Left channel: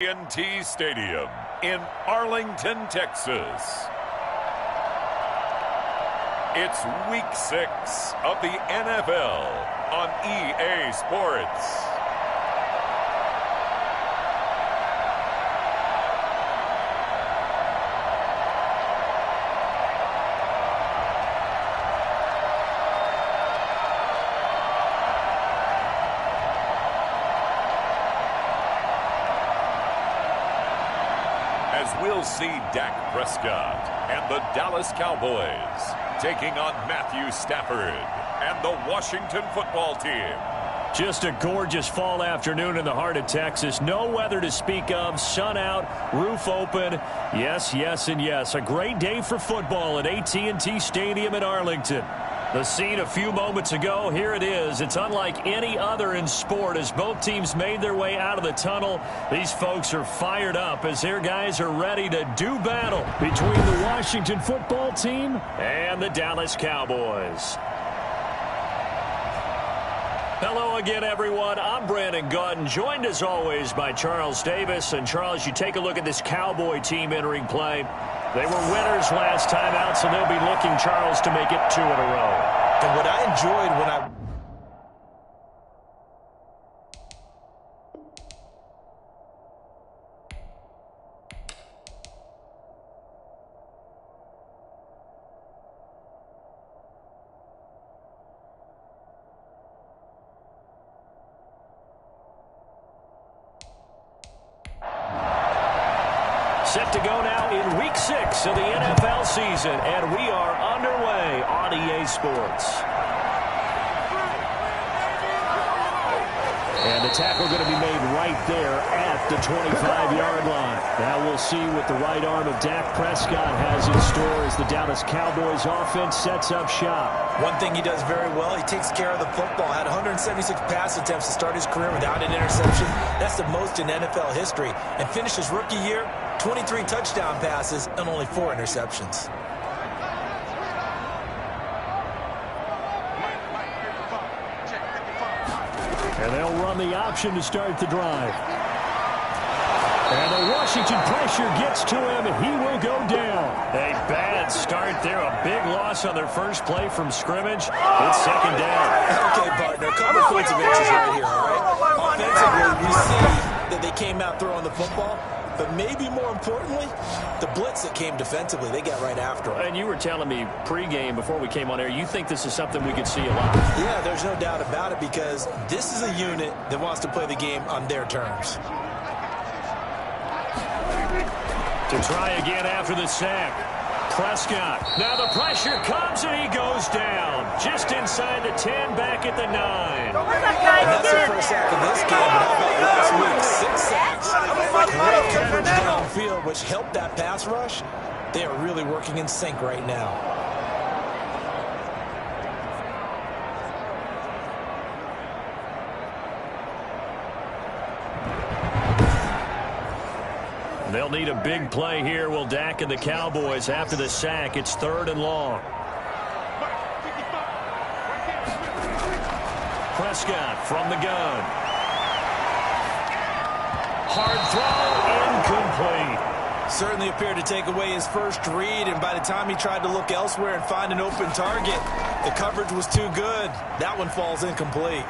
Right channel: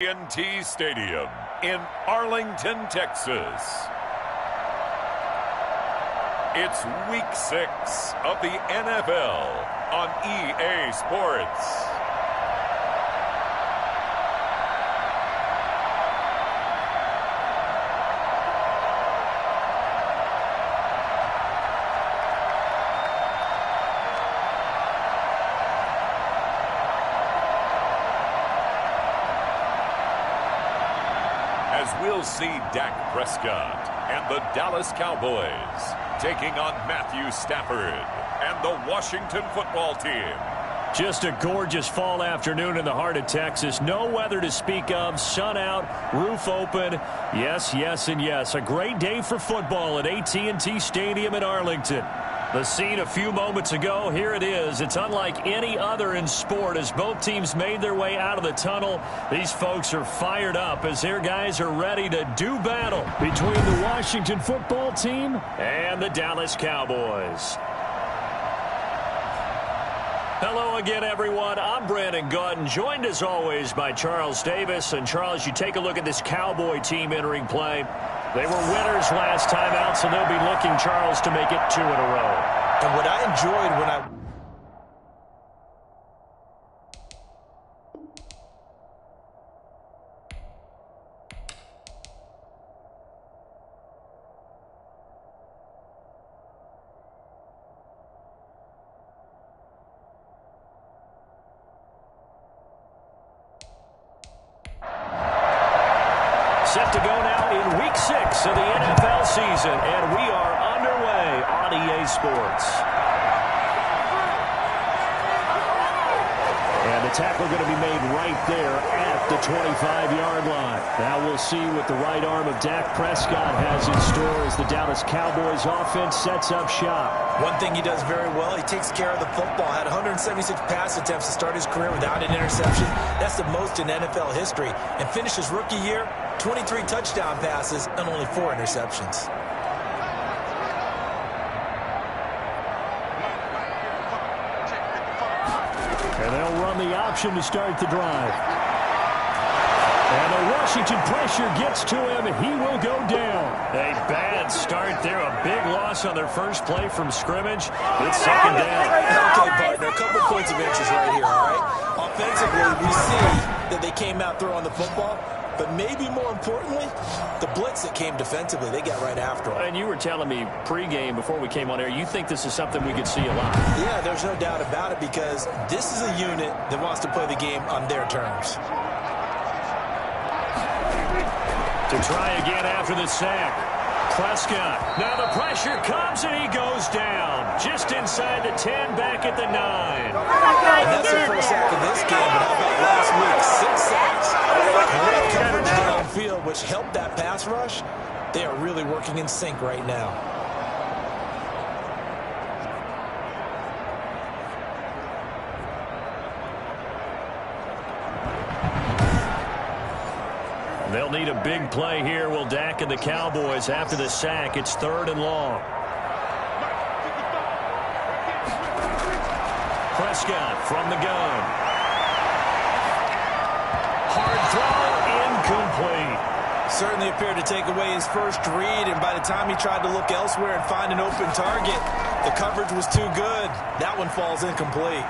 AT&T Stadium in Arlington, Texas. It's Week 6 of the NFL on EA Sports. As we'll see Dak Prescott and the Dallas Cowboys taking on Matthew Stafford and the Washington football team. Just a gorgeous fall afternoon in the heart of Texas. No weather to speak of. Sun out, roof open. Yes, yes, and yes. A great day for football at AT&T Stadium in Arlington. The scene a few moments ago, here it is. It's unlike any other in sport as both teams made their way out of the tunnel. These folks are fired up as their guys are ready to do battle between the Washington football team and the Dallas Cowboys. Hello again, everyone. I'm Brandon Gautin, joined as always by Charles Davis. And Charles, you take a look at this Cowboy team entering play. They were winners last time out, so they'll be looking, Charles, to make it 2 in a row. And what I enjoyed when I... Set to go now in Week 6 of the NFL season, and we are underway on EA Sports. And the tackle going to be made right there at the 25-yard line. Now we'll see what the right arm of Dak Prescott has in store as the Dallas Cowboys offense sets up shop. One thing he does very well, he takes care of the football. Had 176 pass attempts to start his career without an interception. That's the most in NFL history. And finished his rookie year, 23 touchdown passes and only 4 interceptions. And they'll run the option to start the drive. And the Washington pressure gets to him, and he will go down. A bad start there, a big loss on their first play from scrimmage. It's second down. Okay, partner, a couple points of interest right here, all right? Offensively, we see that they came out throwing the football. But maybe more importantly, the blitz that came defensively, they got right after him. And you were telling me pregame before we came on air, you think this is something we could see a lot. Yeah, there's no doubt about it because this is a unit that wants to play the game on their terms. To try again after the sack. Prescott. Now the pressure comes and he goes down. Just inside the 10, back at the 9. And that's the first sack of this game, but how about last week? 6 sacks. Great coverage downfield, which helped that pass rush. They are really working in sync right now. They'll need a big play here, will Dak and the Cowboys. After the sack, it's 3rd and long. Prescott from the gun. Hard throw, incomplete. Certainly appeared to take away his first read, and by the time he tried to look elsewhere and find an open target, the coverage was too good. That one falls incomplete.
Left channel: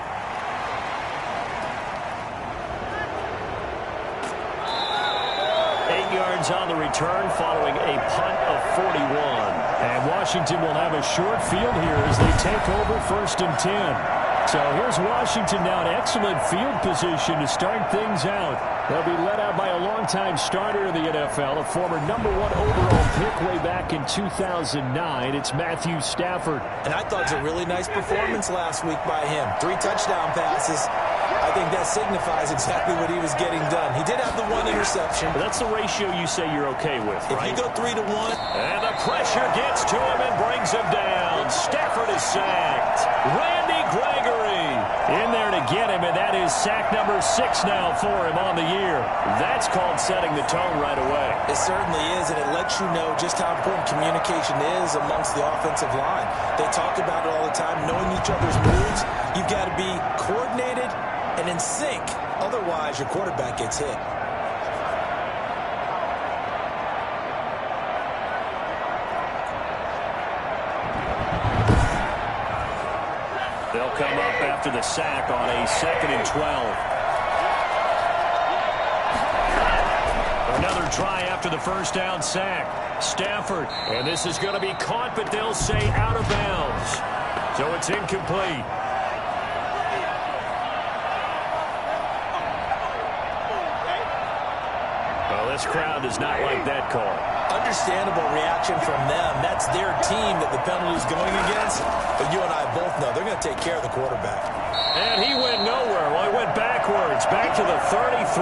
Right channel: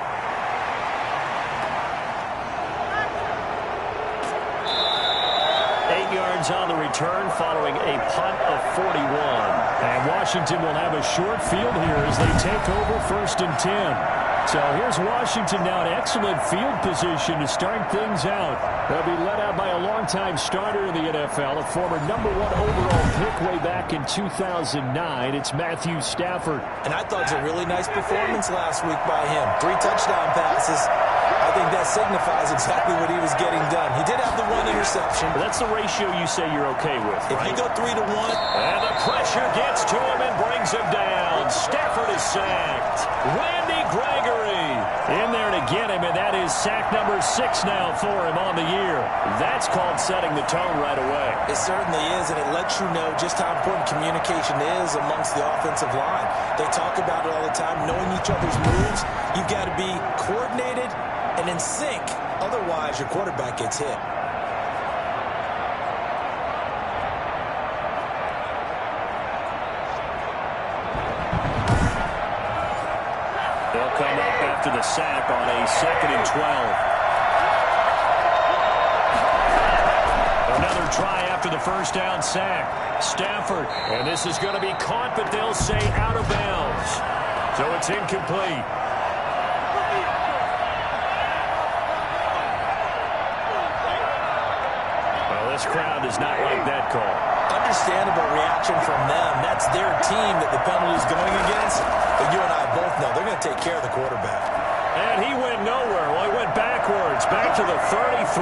Yards on the return following a punt of 41. And Washington will have a short field here as they take over 1st and 10. So here's Washington now in excellent field position to start things out. They'll be led out by a longtime starter in the NFL, a former #1 overall pick way back in 2009. It's Matthew Stafford. And I thought it was a really nice performance last week by him. 3 touchdown passes. I think that signifies exactly what he was getting done. He did have the 1 interception. But that's the ratio you say you're okay with, right? If you go 3 to 1. And the pressure gets to him and brings him down. Stafford is sacked. Randy Gregory in there to get him, and that is sack number 6 now for him on the year. That's called setting the tone right away. It certainly is, and it lets you know just how important communication is amongst the offensive line. They talk about it all the time, knowing each other's moves. You've got to be coordinated and in sync. Otherwise, your quarterback gets hit. come up after the sack on a 2nd and 12. Another try after the first down sack. Stafford, and this is going to be caught, but they'll say out of bounds. So it's incomplete. Well, this crowd does not like that call. Understandable reaction from them. That's their team that the penalty's going against. But you and I both know they're going to take care of the quarterback. And he went nowhere. Well, he went backwards, back to the 33.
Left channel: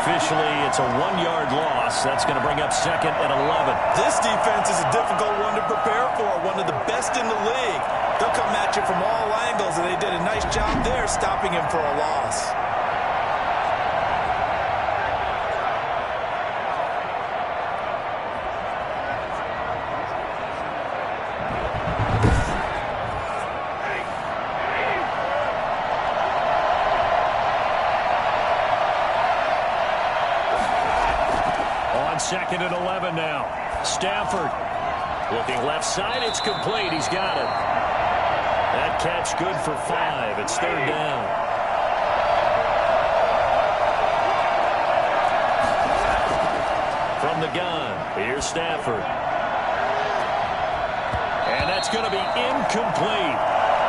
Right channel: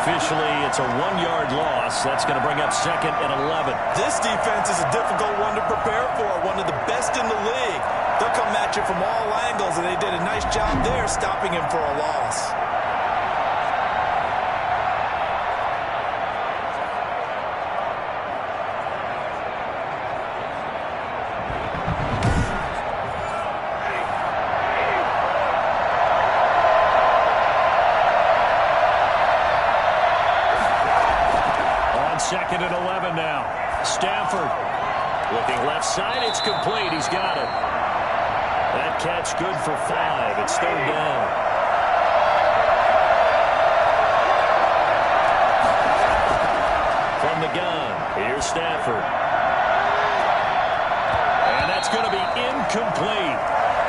Officially, it's a 1-yard loss. That's going to bring up 2nd and 11. This defense is a difficult one to prepare for, one of the best in the league. They'll come at you from all angles, and they did a nice job there stopping him for a loss. On 2nd and 11 now. Stafford looking left side. It's complete. He's got it. That catch good for 5. It's 3rd down. From the gun, here's Stafford. And that's going to be incomplete.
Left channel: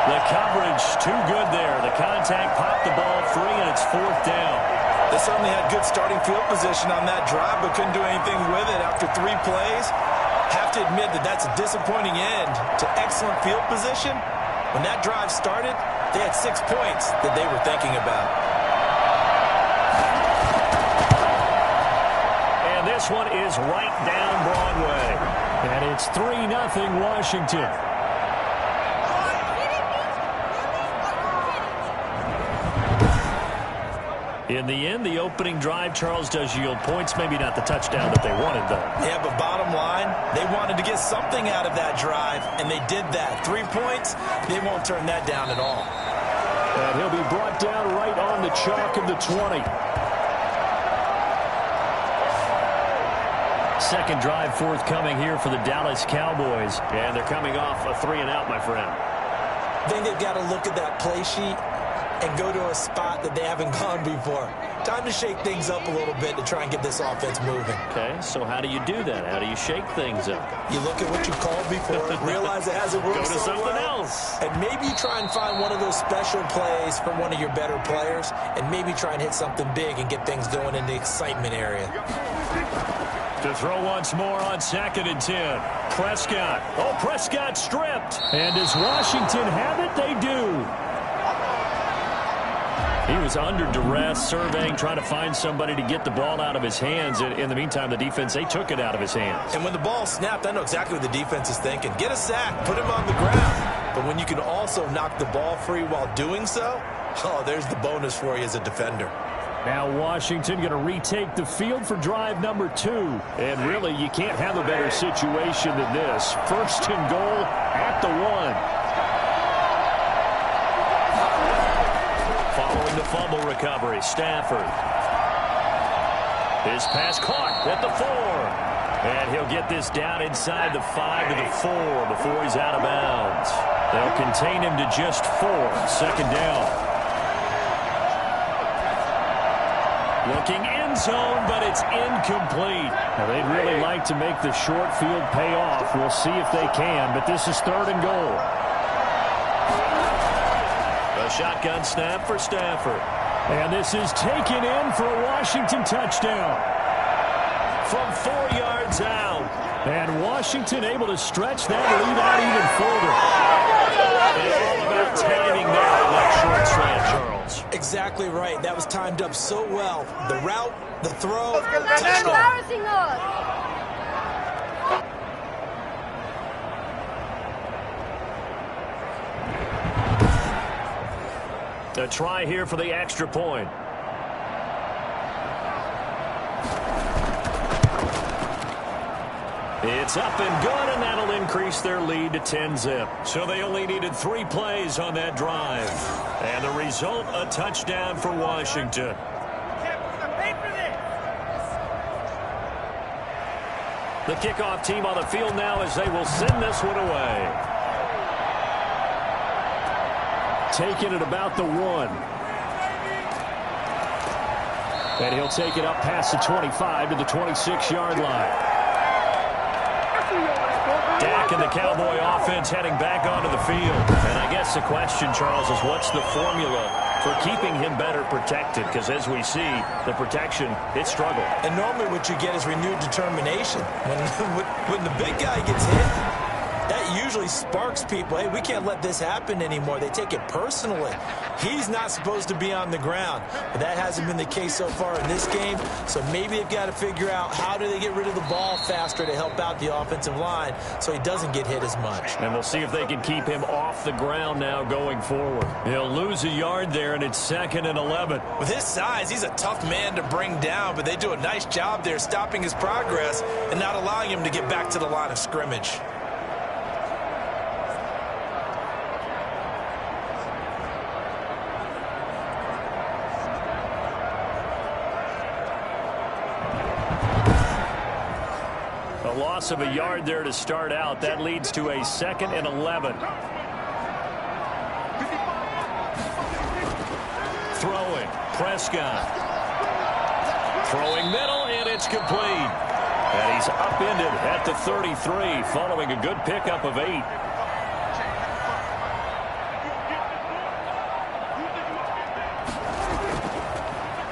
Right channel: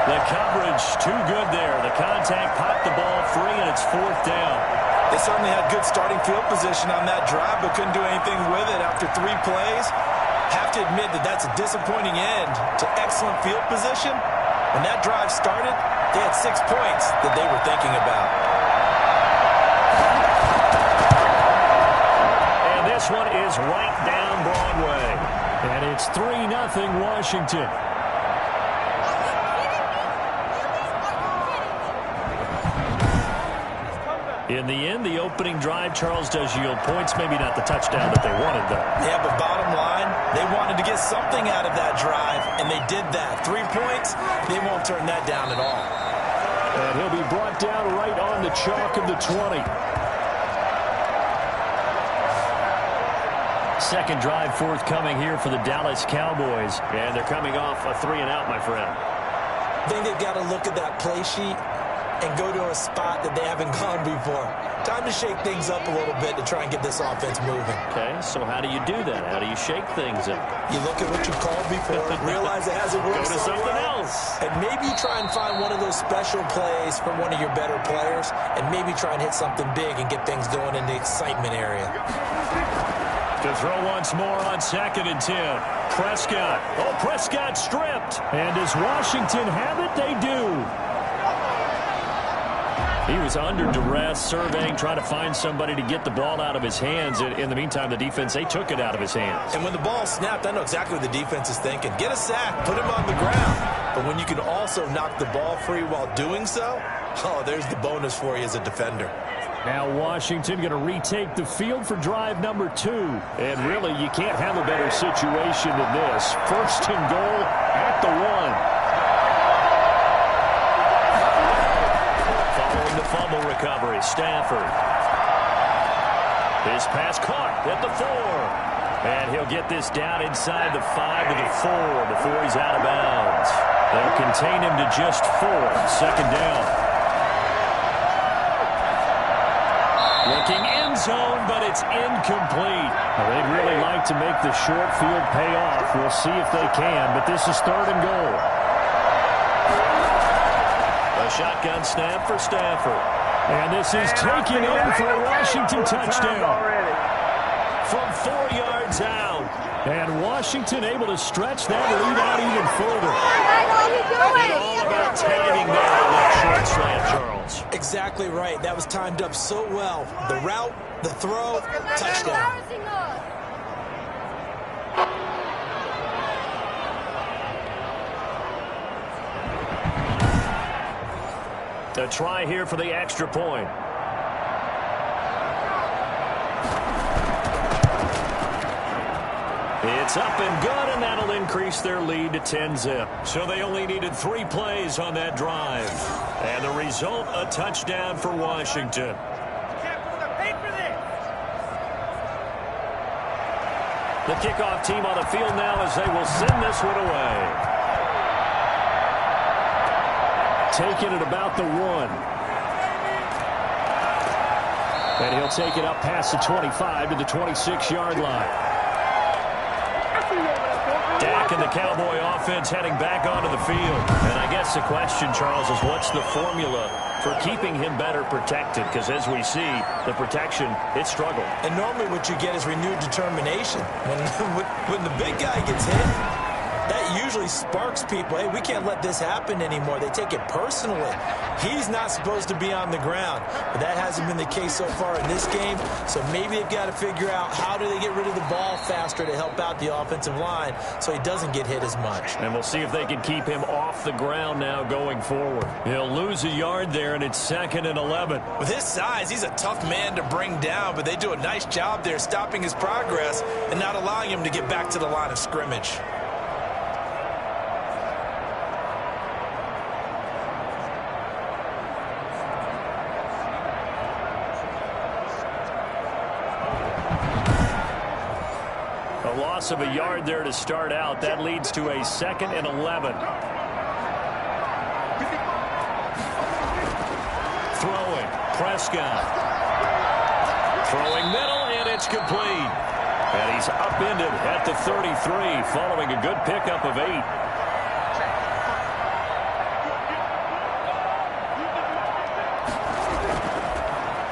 The coverage too good there. The contact popped the ball free, and it's 4th down. They certainly had good starting field position on that drive, but couldn't do anything with it after 3 plays. Have to admit that that's a disappointing end to excellent field position. When that drive started, they had 6 points that they were thinking about. And this one is right down Broadway. And it's 3-0 Washington. In the end, the opening drive, Charles, does yield points. Maybe not the touchdown that they wanted, though. Yeah, but bottom line, they wanted to get something out of that drive, and they did that. 3 points, they won't turn that down at all. And he'll be brought down right on the chalk of the 20. Second drive forthcoming here for the Dallas Cowboys. And they're coming off a 3-and-out, my friend. I think they've got to look at that play sheet and go to a spot that they haven't gone before. Time to shake things up a little bit to try and get this offense moving. Okay, so how do you do that? How do you shake things up? You look at what you called before, realize it hasn't worked Go to so something well, else. and maybe try and find one of those special plays from one of your better players, and maybe try and hit something big and get things going in the excitement area. To throw once more on 2nd and 10. Prescott. Oh, Prescott stripped. And does Washington have it? They do. He was under duress, surveying, trying to find somebody to get the ball out of his hands. In the meantime, the defense, they took it out of his hands. And when the ball snapped, I know exactly what the defense is thinking. Get a sack, put him on the ground. But when you can also knock the ball free while doing so, oh, there's the bonus for you as a defender. Now Washington going to retake the field for drive number 2. And really, you can't have a better situation than this. 1st and goal at the 1. Following the fumble recovery, Stafford. His pass caught at the 4. And he'll get this down inside the 5 to the 4 before he's out of bounds. They'll contain him to just 4. 2nd down. Looking end zone, but it's incomplete. Now, they'd really like to make the short field pay off. We'll see if they can, but this is 3rd and goal. A shotgun snap for Stafford. And this is taken in for a Washington touchdown. From 4 yards out. And Washington able to stretch that lead out even further. And all about timing there on that short slant, Charles. Exactly right. That was timed up so well. The route, the throw, touchdown. A try here for the extra point. It's up and good, and that'll increase their lead to 10-zip. So they only needed 3 plays on that drive. And the result, a touchdown for Washington. The kickoff team on the field now as they will send this one away. taken at about the 1. And he'll take it up past the 25 to the 26-yard line. Dak and the Cowboy offense heading back onto the field. And I guess the question, Charles, is what's the formula for keeping him better protected? Because as we see, the protection, it struggled. And normally what you get is renewed determination. When the big guy gets hit, that usually sparks people. Hey, we can't let this happen anymore. They take it personally. He's not supposed to be on the ground. But that hasn't been the case so far in this game. So maybe they've got to figure out how do they get rid of the ball faster to help out the offensive line so he doesn't get hit as much. And we'll see if they can keep him off the ground now going forward. He'll lose a yard there, and it's 2nd and 11. With his size, he's a tough man to bring down, but they do a nice job there stopping his progress and not allowing him to get back to the line of scrimmage. A loss of a yard there to start out. That leads to a 2nd and 11. Throwing. Prescott. Throwing middle, and it's complete. And he's upended at the 33 following a good pickup of 8.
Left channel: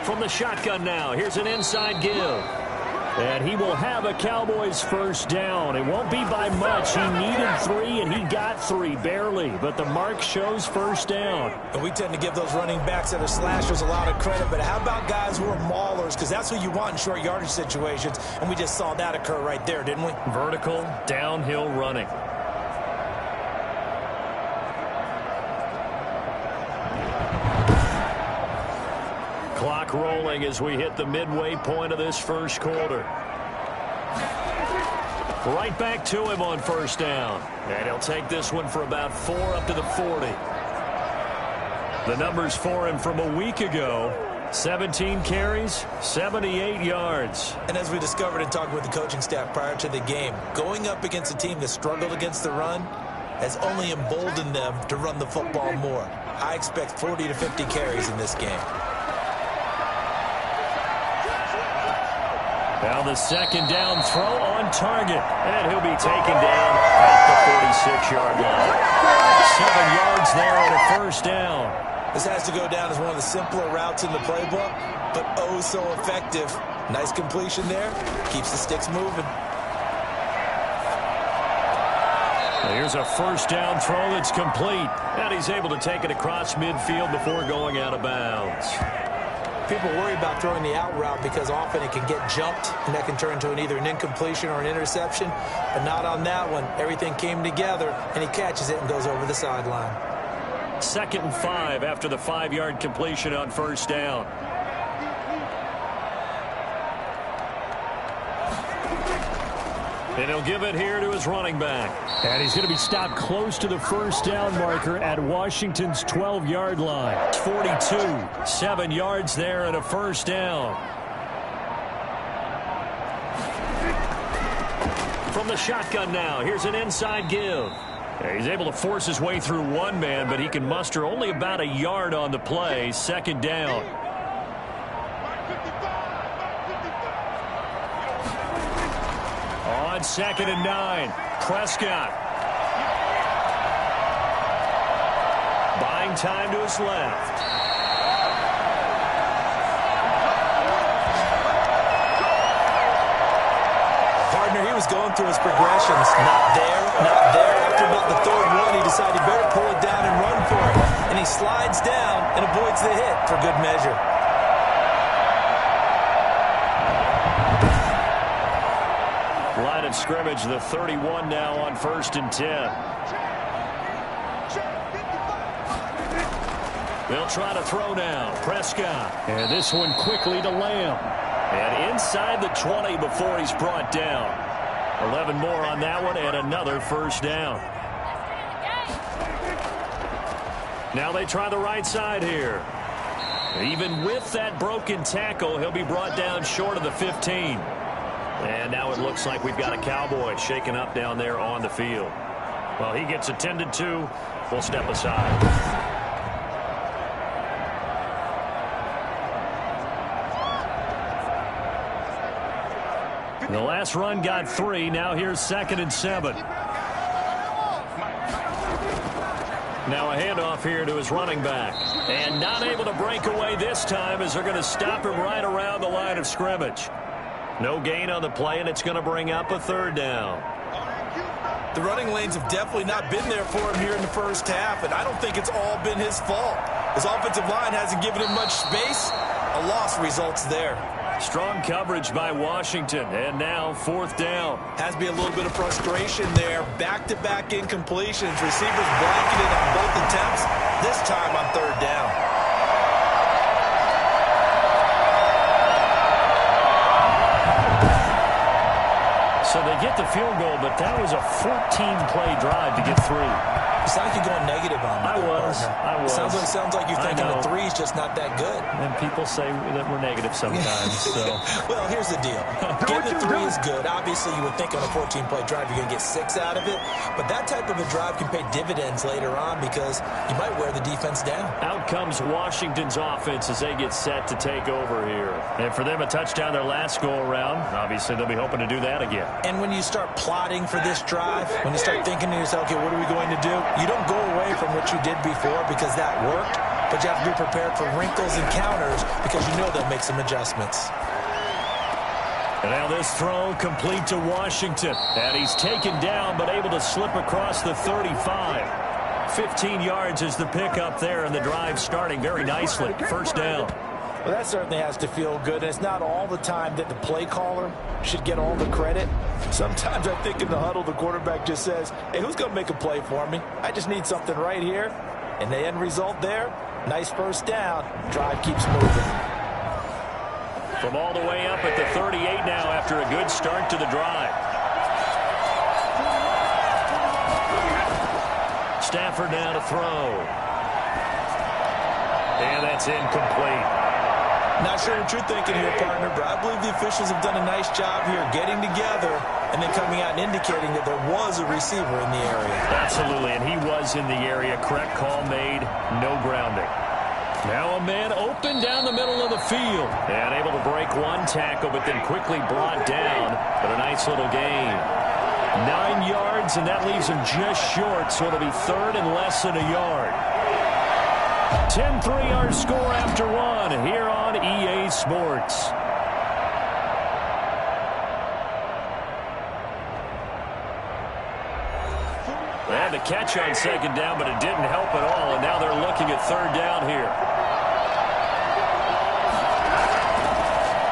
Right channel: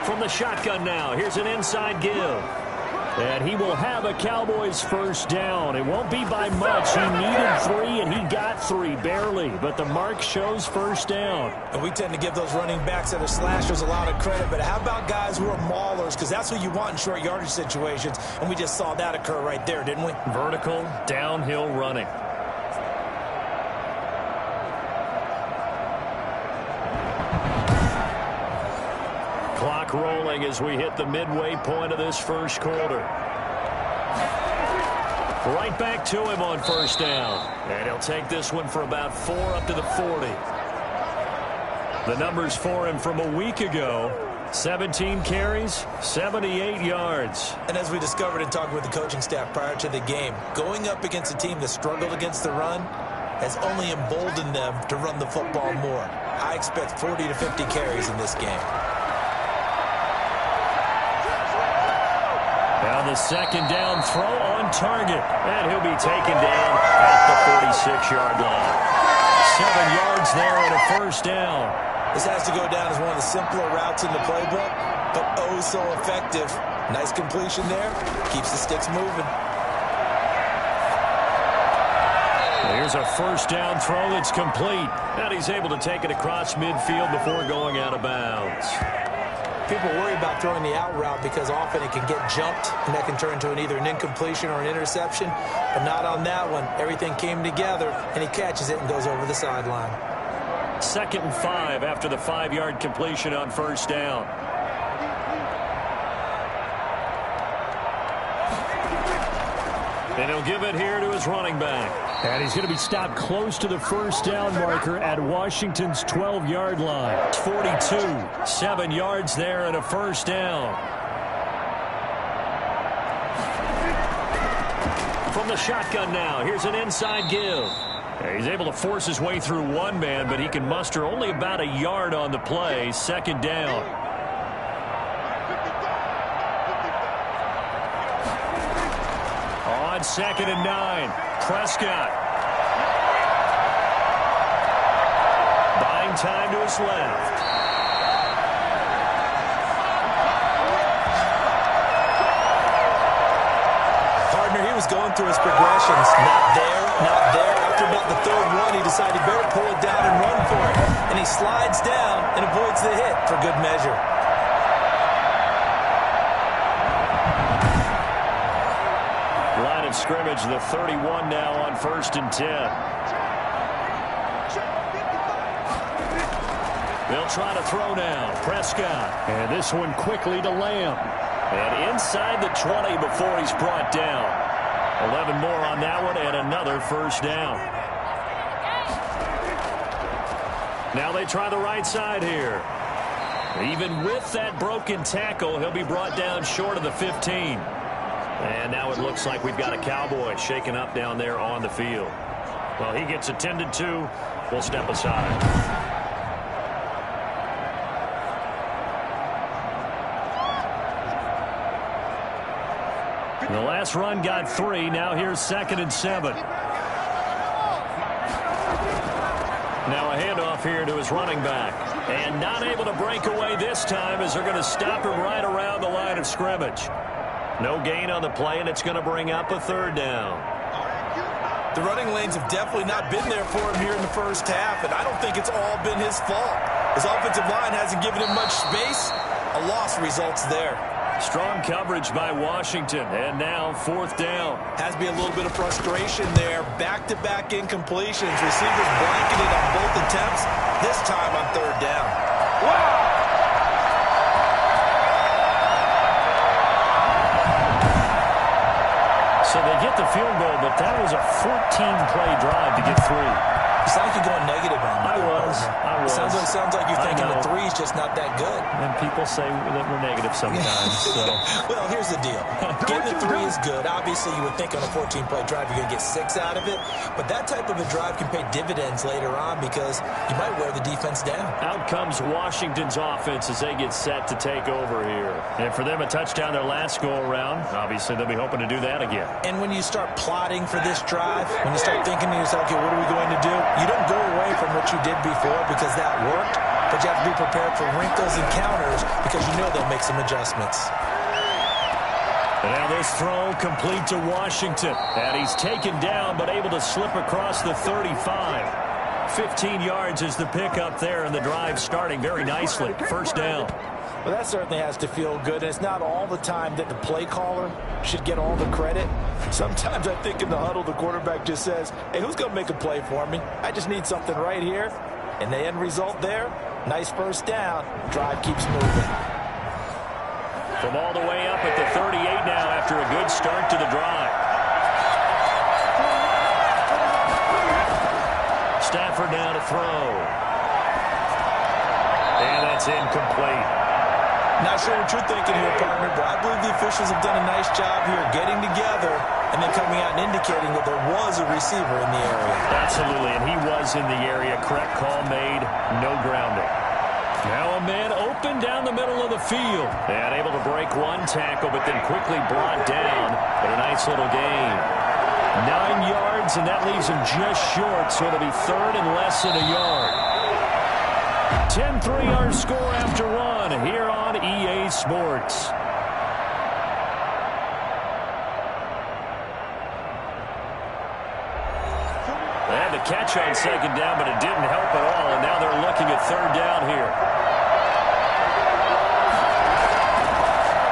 From the shotgun now, here's an inside give. And he will have a Cowboys first down. It won't be by much. He needed 3, and he got 3, barely. But the mark shows first down. And we tend to give those running backs that are slashers a lot of credit. But how about guys who are maulers? Because that's what you want in short yardage situations. And we just saw that occur right there, didn't we? Vertical, downhill running. Clock rolling as we hit the midway point of this first quarter. Right back to him on first down. And he'll take this one for about 4 up to the 40. The numbers for him from a week ago: 17 carries, 78 yards. And as we discovered in talking with the coaching staff prior to the game, going up against a team that struggled against the run has only emboldened them to run the football more. I expect 40 to 50 carries in this game. Now the second down throw on target. And he'll be taken down at the 46-yard line. 7 yards there and a first down. This has to go down as one of the simpler routes in the playbook, but oh so effective. Nice completion there. Keeps the sticks moving. Here's a first down throw that's complete. And he's able to take it across midfield before going out of bounds. People worry about throwing the out route because often it can get jumped, and that can turn into either an incompletion or an interception. But not on that one. Everything came together, and he catches it and goes over the sideline. 2nd and 5 after the 5-yard completion on first down. And he'll give it here to his running back. And he's going to be stopped close to the first down marker at Washington's 12-yard line. 42, 7 yards there and a first down. From the shotgun now, here's an inside give. He's able to force his way through one man, but he can muster only about a yard on the play. 2nd down. On 2nd and 9, Prescott. Buying time to his left. Partner, he was going through his progressions. Not there, not there. After about the 3rd one, he decided he better pull it down and run for it. And he slides down and avoids the hit for good measure. Line of scrimmage, the 31 now on 1st and 10. They'll try to throw now. Prescott. And this one quickly to Lamb. And inside the 20 before he's brought down. 11 more on that one and another first down. Now they try the right side here. Even with that broken tackle, he'll be brought down short of the 15. And now it looks like we've got a Cowboy shaken up down there on the field. Well, he gets attended to. We'll step aside. The last run got 3. Now here's 2nd and 7. Now a handoff here to his running back. And not able to break away this time as they're going to stop him right around the line of scrimmage. No gain on the play, and it's going to bring up a 3rd down. The running lanes have definitely not been there for him here in the first half, and I don't think it's all been his fault. His offensive line hasn't given him much space. A loss results there. Strong coverage by Washington, and now 4th down. Has to be a little bit of frustration there. Back-to-back incompletions. Receivers blanketed on both attempts, this time on 3rd down. So they get the field goal, but that was a 14-play drive to get 3. You sound like you're going negative on me. I was. Sounds like you're thinking the 3's just not that good. And people say that we're negative sometimes. So. Well, here's the deal. Getting the 3 is good. Obviously, you would think on a 14-play drive you're going to get 6 out of it. But that type of a drive can pay dividends later on because you might wear the defense down. Out comes Washington's offense as they get set to take over here. And for them, a touchdown their last go-around. Obviously, they'll be hoping to do that again. And when you start plotting for this drive, when you start thinking to yourself, okay, what are we going to do? You don't go away from what you did before because that worked, but you have to be prepared for wrinkles and counters because you know they'll make some adjustments. And now this throw complete to Washington. And he's taken down but able to slip across the 35. 15 yards is the pickup there, and the drive starting very nicely. 1st down. Well, that certainly has to feel good, and it's not all the time that the play caller should get all the credit. Sometimes I think in the huddle, the quarterback just says, hey, who's going to make a play for me? I just need something right here. And the end result there, nice 1st down. Drive keeps moving. From all the way up at the 38 now after a good start to the drive. Stafford now to throw. And that's incomplete. Not sure what you're thinking here, partner, but I believe the officials have done a nice job here getting together and then coming out and indicating that there was a receiver in the area. Absolutely, and he was in the area. Correct call made, no grounding. Now a man open down the middle of the field. And able to break one tackle, but then quickly brought down. But a nice little gain. 9 yards, and that leaves him just short, so it'll be 3rd and less than a yard. 10-3 our score after 1 here on EA Sports. They had the catch on 2nd down, but it didn't help at all, and now they're looking at 3rd down here.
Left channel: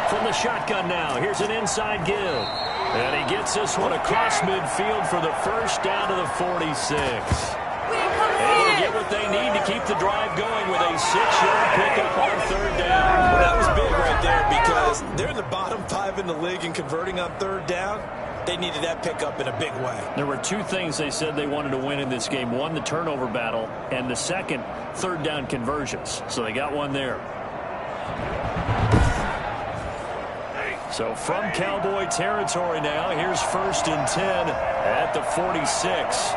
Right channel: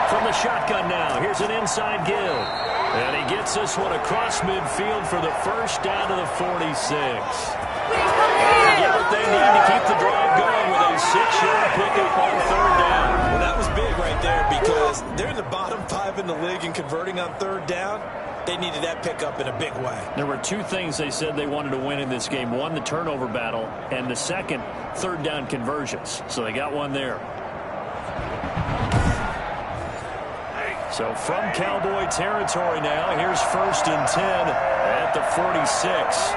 From the shotgun now, here's an inside give. And he gets this one across midfield for the 1st down to the 46. And get what they need to keep the drive going with a 6-yard pickup on 3rd down. Well, that was big right there because they're in the bottom 5 in the league and converting on 3rd down. They needed that pickup in a big way. There were 2 things they said they wanted to win in this game. One, the turnover battle, and the second, 3rd down conversions. So they got one there. So from Cowboy territory now, here's 1st and 10 at the 46.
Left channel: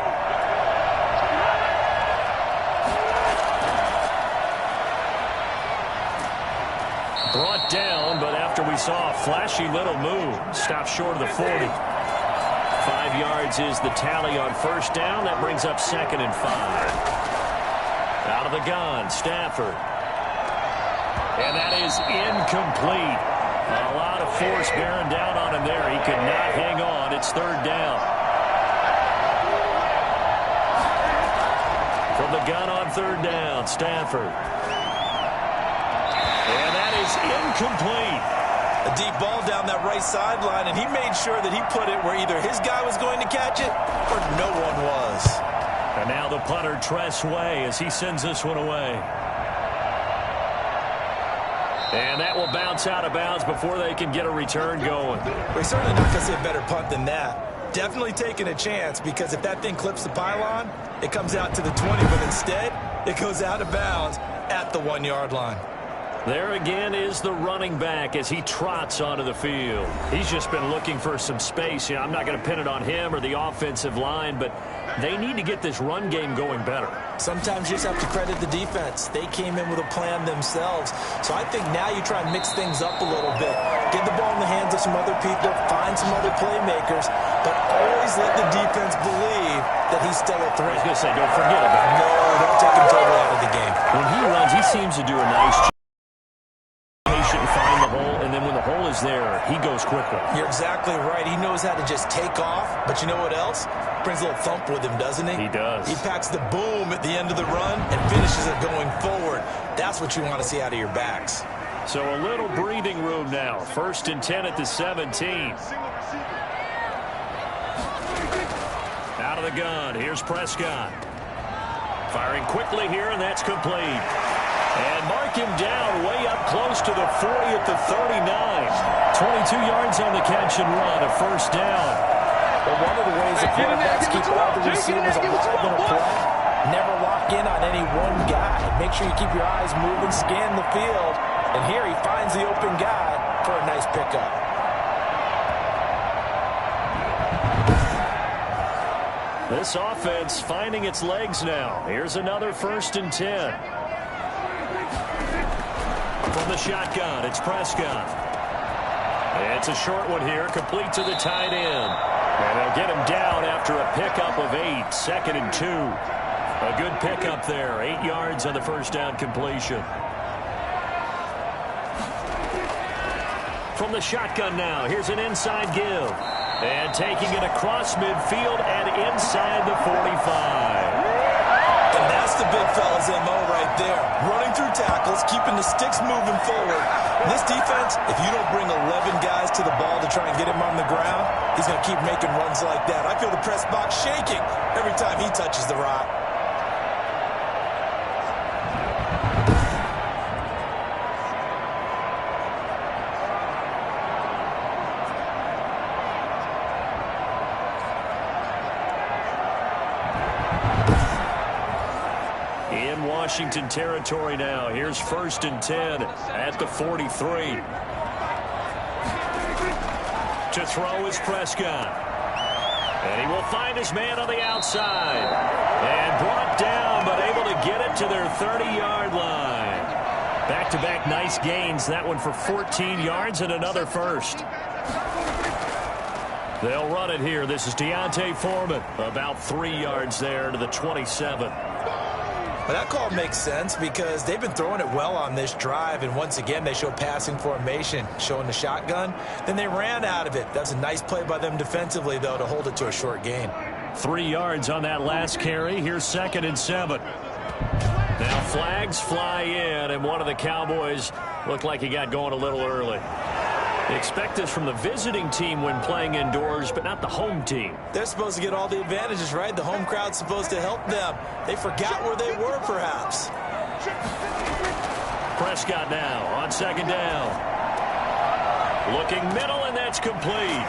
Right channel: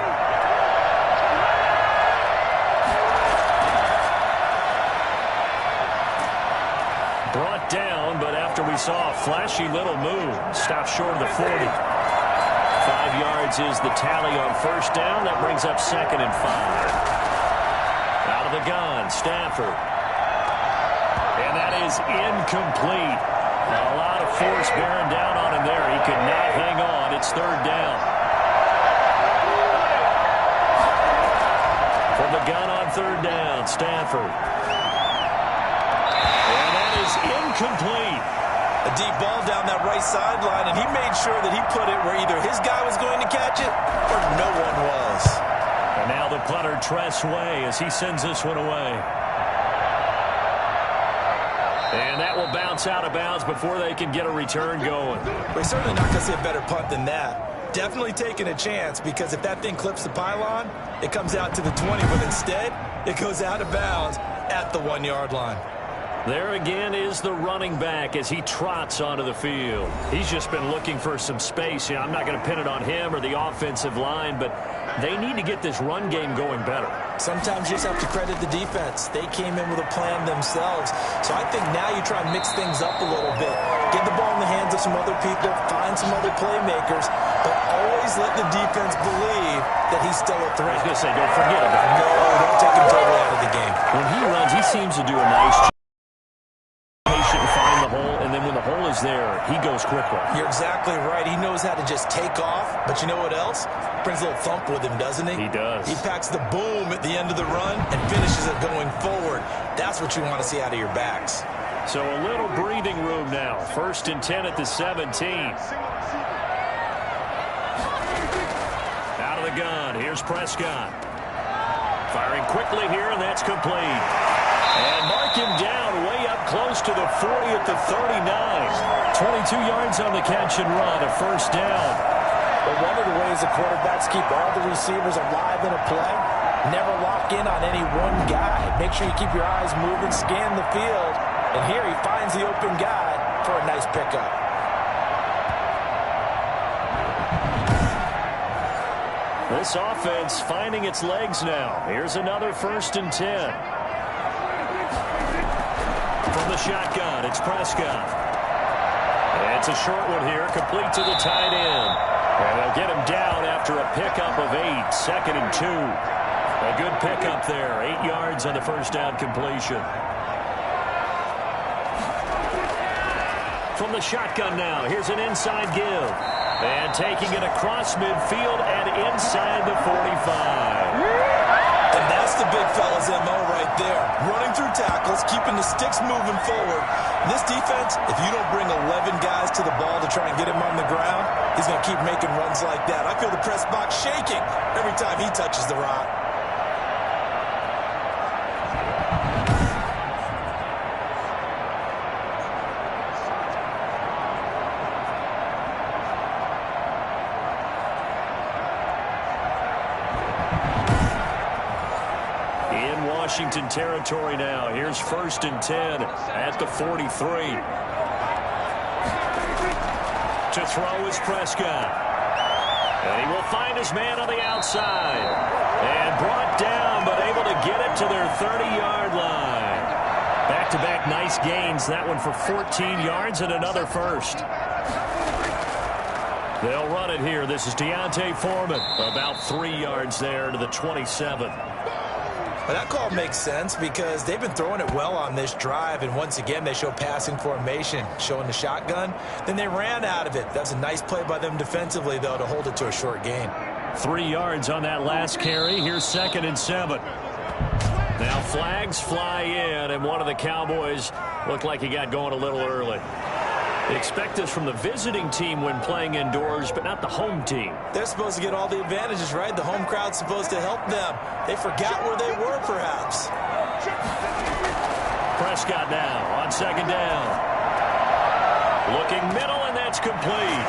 Brought down, but after we saw a flashy little move, stopped short of the 40. 5 yards is the tally on 1st down. That brings up 2nd and 5. Out of the gun, Stafford. And that is incomplete. A lot of force bearing down on him there. He could not hang on. It's 3rd down. From the gun on 3rd down, Stafford. And that is incomplete. A deep ball down that right sideline, and he made sure that he put it where either his guy was going to catch it or no one was. And now the punter, Tress Way, as he sends this one away. And that will bounce out of bounds before they can get a return going. We're certainly not going to see a better punt than that. Definitely taking a chance because if that thing clips the pylon, it comes out to the 20, but instead it goes out of bounds at the 1-yard line. There again is the running back as he trots onto the field. He's just been looking for some space. I'm not going to pin it on him or the offensive line, but they need to get this run game going better. Sometimes you just have to credit the defense. They came in with a plan themselves. So I think now you try and mix things up a little bit. Get the ball in the hands of to some other people, find some other playmakers, but always let the defense believe that he's still a threat. I was going to say, don't forget about it. No, don't take him totally out of the game. When he runs, he seems to do a nice job. Patient and find the hole, and then when the hole is there, he goes quickly. You're exactly right. He knows how to just take off, but you know what else? Brings a little thump with him, doesn't he? He does. He packs the boom at the end of the run and finishes it going forward. That's what you want to see out of your backs. So a little breathing room now. 1st and 10 at the 17. Out of the gun. Here's Prescott. Firing quickly here, and that's complete. And mark him down way up close to the 40 at the 39. 22 yards on the catch and run, a 1st down. But one of the ways the quarterbacks keep all the receivers alive in a play, never lock in on any one guy. Make sure you keep your eyes moving, scan the field. And here he finds the open guy for a nice pickup. This offense finding its legs now. Here's another 1st and 10. From the shotgun, it's Prescott. It's a short one here, complete to the tight end. And they'll get him down after a pickup of 8, 2nd and 2. A good pickup there, 8 yards on the 1st down completion. From the shotgun now, here's an inside give. And taking it across midfield and inside the 45. And that's the big fella's MO right there. Running through tackles, keeping the sticks moving forward. And this defense, if you don't bring 11 guys to the ball to try and get him on the ground, he's going to keep making runs like that. I feel the press box shaking every time he touches the rock. In Washington territory now. Here's 1st and 10 at the 43. To throw is Prescott. And he will find his man on the outside. And brought down, but able to get it to their 30-yard line. Back-to-back nice gains. That one for 14 yards and another 1st. They'll run it here. This is Deontay Foreman. About 3 yards there to the 27. Well, that call makes sense because they've been throwing it well on this drive, and once again they show passing formation, showing the shotgun. Then they ran out of it. That's a nice play by them defensively, though, to hold it to a short gain. 3 yards on that last carry. Here's 2nd and 7. Now flags fly in, and one of the Cowboys looked like he got going a little early. Expect this from the visiting team when playing indoors, but not the home team. They're supposed to get all the advantages, right? The home crowd's supposed to help them. They forgot where they were, perhaps. Prescott now on 2nd down. Looking middle, and that's complete.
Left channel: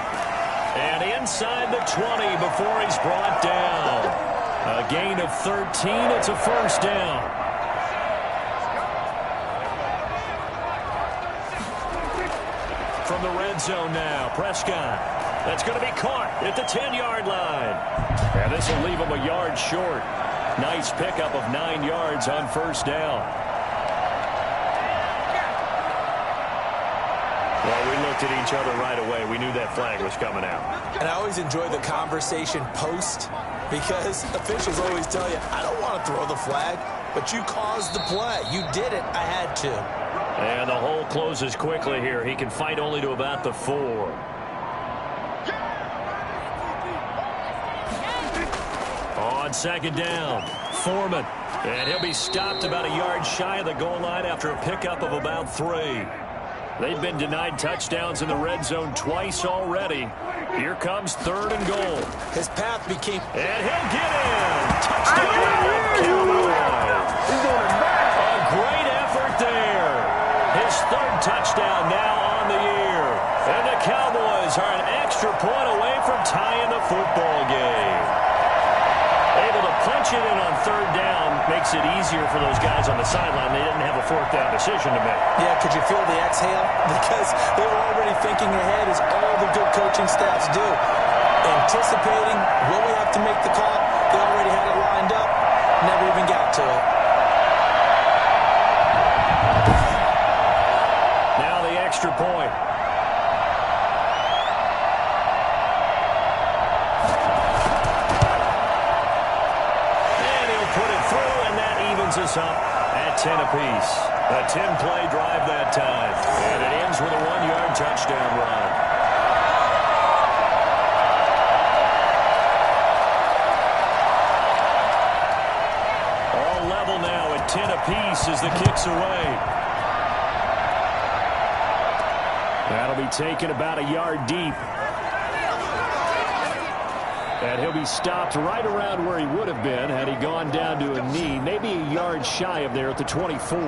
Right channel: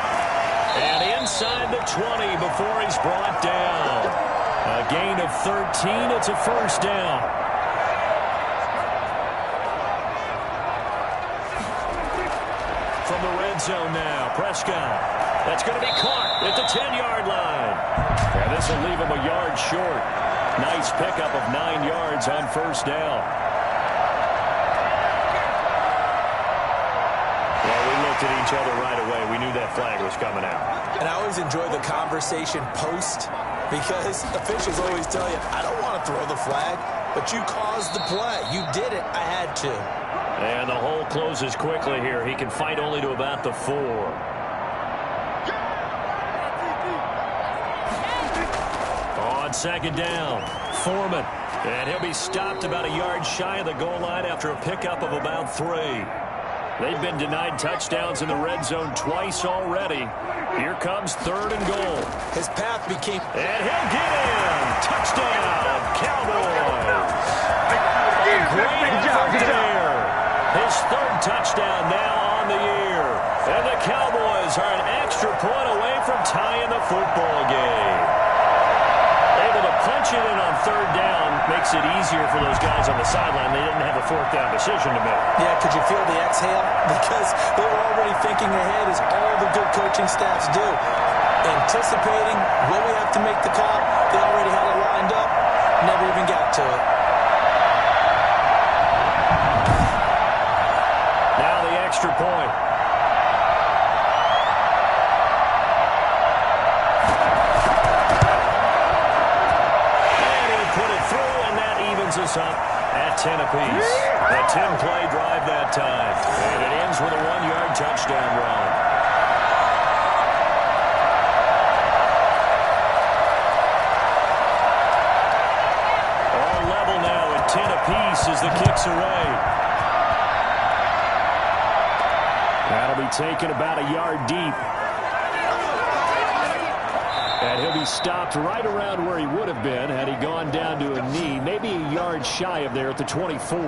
And inside the 20 before he's brought down. A gain of 13. It's a 1st down. From the red zone now, Prescott. That's going to be caught at the 10-yard line. And this will leave him a yard short. Nice pickup of 9 yards on 1st down. Well, we looked at each other right away. We knew that flag was coming out. And I always enjoy the conversation post because officials always tell you, I don't want to throw the flag, but you caused the play. You did it. I had to. And the hole closes quickly here. He can fight only to about the 4. On 2nd down, Foreman. And he'll be stopped about a yard shy of the goal line after a pickup of about 3. They've been denied touchdowns in the red zone twice already. Here comes 3rd and goal. His path became... And he'll get in. Touchdown, Cowboys. A great effort there. His 3rd touchdown now on the year. And the Cowboys are an extra point away from tying the football game. Able to punch it in on 3rd down makes it easier for those guys on the sideline. They didn't have a 4th down decision to make. Yeah, could you feel the exhale? Because they were already thinking ahead, as all the good coaching staffs do. Anticipating, will we have to make the call? They already had it lined up. Never even got to it. Now the extra point. opens us up at 10 apiece. A 10-play drive that time. And it ends with a 1-yard touchdown run. All level now at 10 apiece as the kick's away. That'll be taken about a yard deep. And he'll be stopped right around where he would have been had he gone down to a knee, maybe a yard shy of there at the 24.